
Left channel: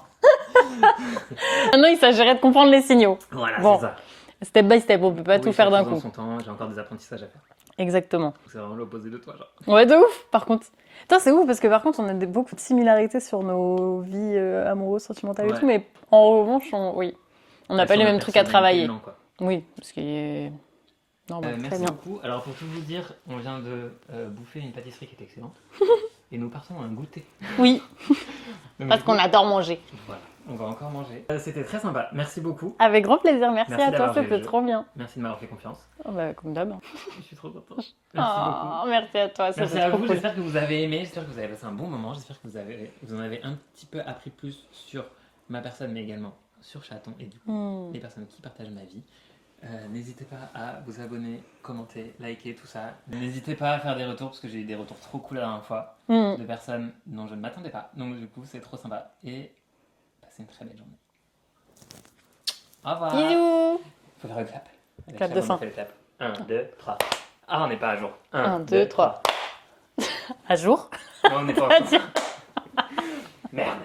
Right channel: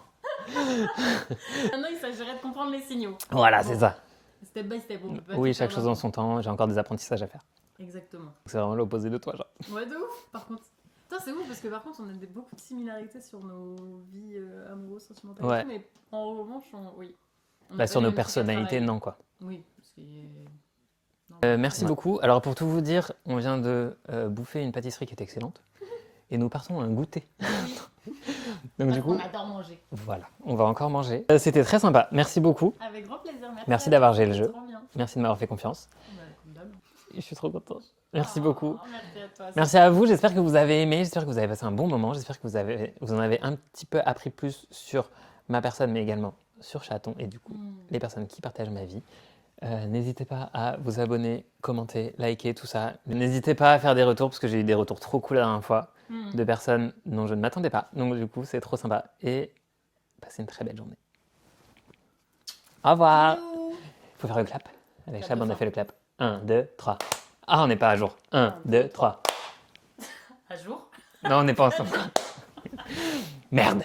Maintenant, il s'agirait de comprendre les signaux. Voilà, c'est ça. Step by step, on peut pas tout faire d'un coup. Chaque chose en son temps, j'ai encore des apprentissages à faire. Exactement. C'est vraiment l'opposé de toi, genre. Ouais, de ouf, par contre. Putain, c'est ouf, parce que par contre, on a beaucoup de similarités sur nos vies amoureuses, sentimentales et tout, mais en revanche, on n'a pas les mêmes trucs à travailler. Non, quoi. Oui, parce qu'il est... merci beaucoup. Alors pour tout vous dire, on vient de bouffer une pâtisserie qui est excellente et nous partons à un goûter. Oui, donc, parce qu'on adore manger. Voilà, on va encore manger. C'était très sympa, merci beaucoup. Avec grand plaisir, merci à d'avoir toi, joué le c'était jeu. trop bien. Merci de m'avoir fait confiance. Comme d'hab. Je suis trop contente. Merci beaucoup. Merci à toi. Merci à vous, j'espère que vous avez aimé, j'espère que vous avez passé un bon moment, j'espère que vous en avez un petit peu appris plus sur ma personne mais également sur Chaton et du coup les personnes qui partagent ma vie. N'hésitez pas à vous abonner, commenter, liker, tout ça. N'hésitez pas à faire des retours parce que j'ai eu des retours trop cool la dernière fois de personnes dont je ne m'attendais pas. Donc du coup, c'est trop sympa. Et passez une très belle journée. Au revoir. Bisous. Faut faire le clap. Avec Clap Chab, de on fin. a fait le clap. 1, 2, 3. Ah, on n'est pas à jour. 1, Un, 2, deux, 3. À jour. Non, on n'est pas en jour. Merde.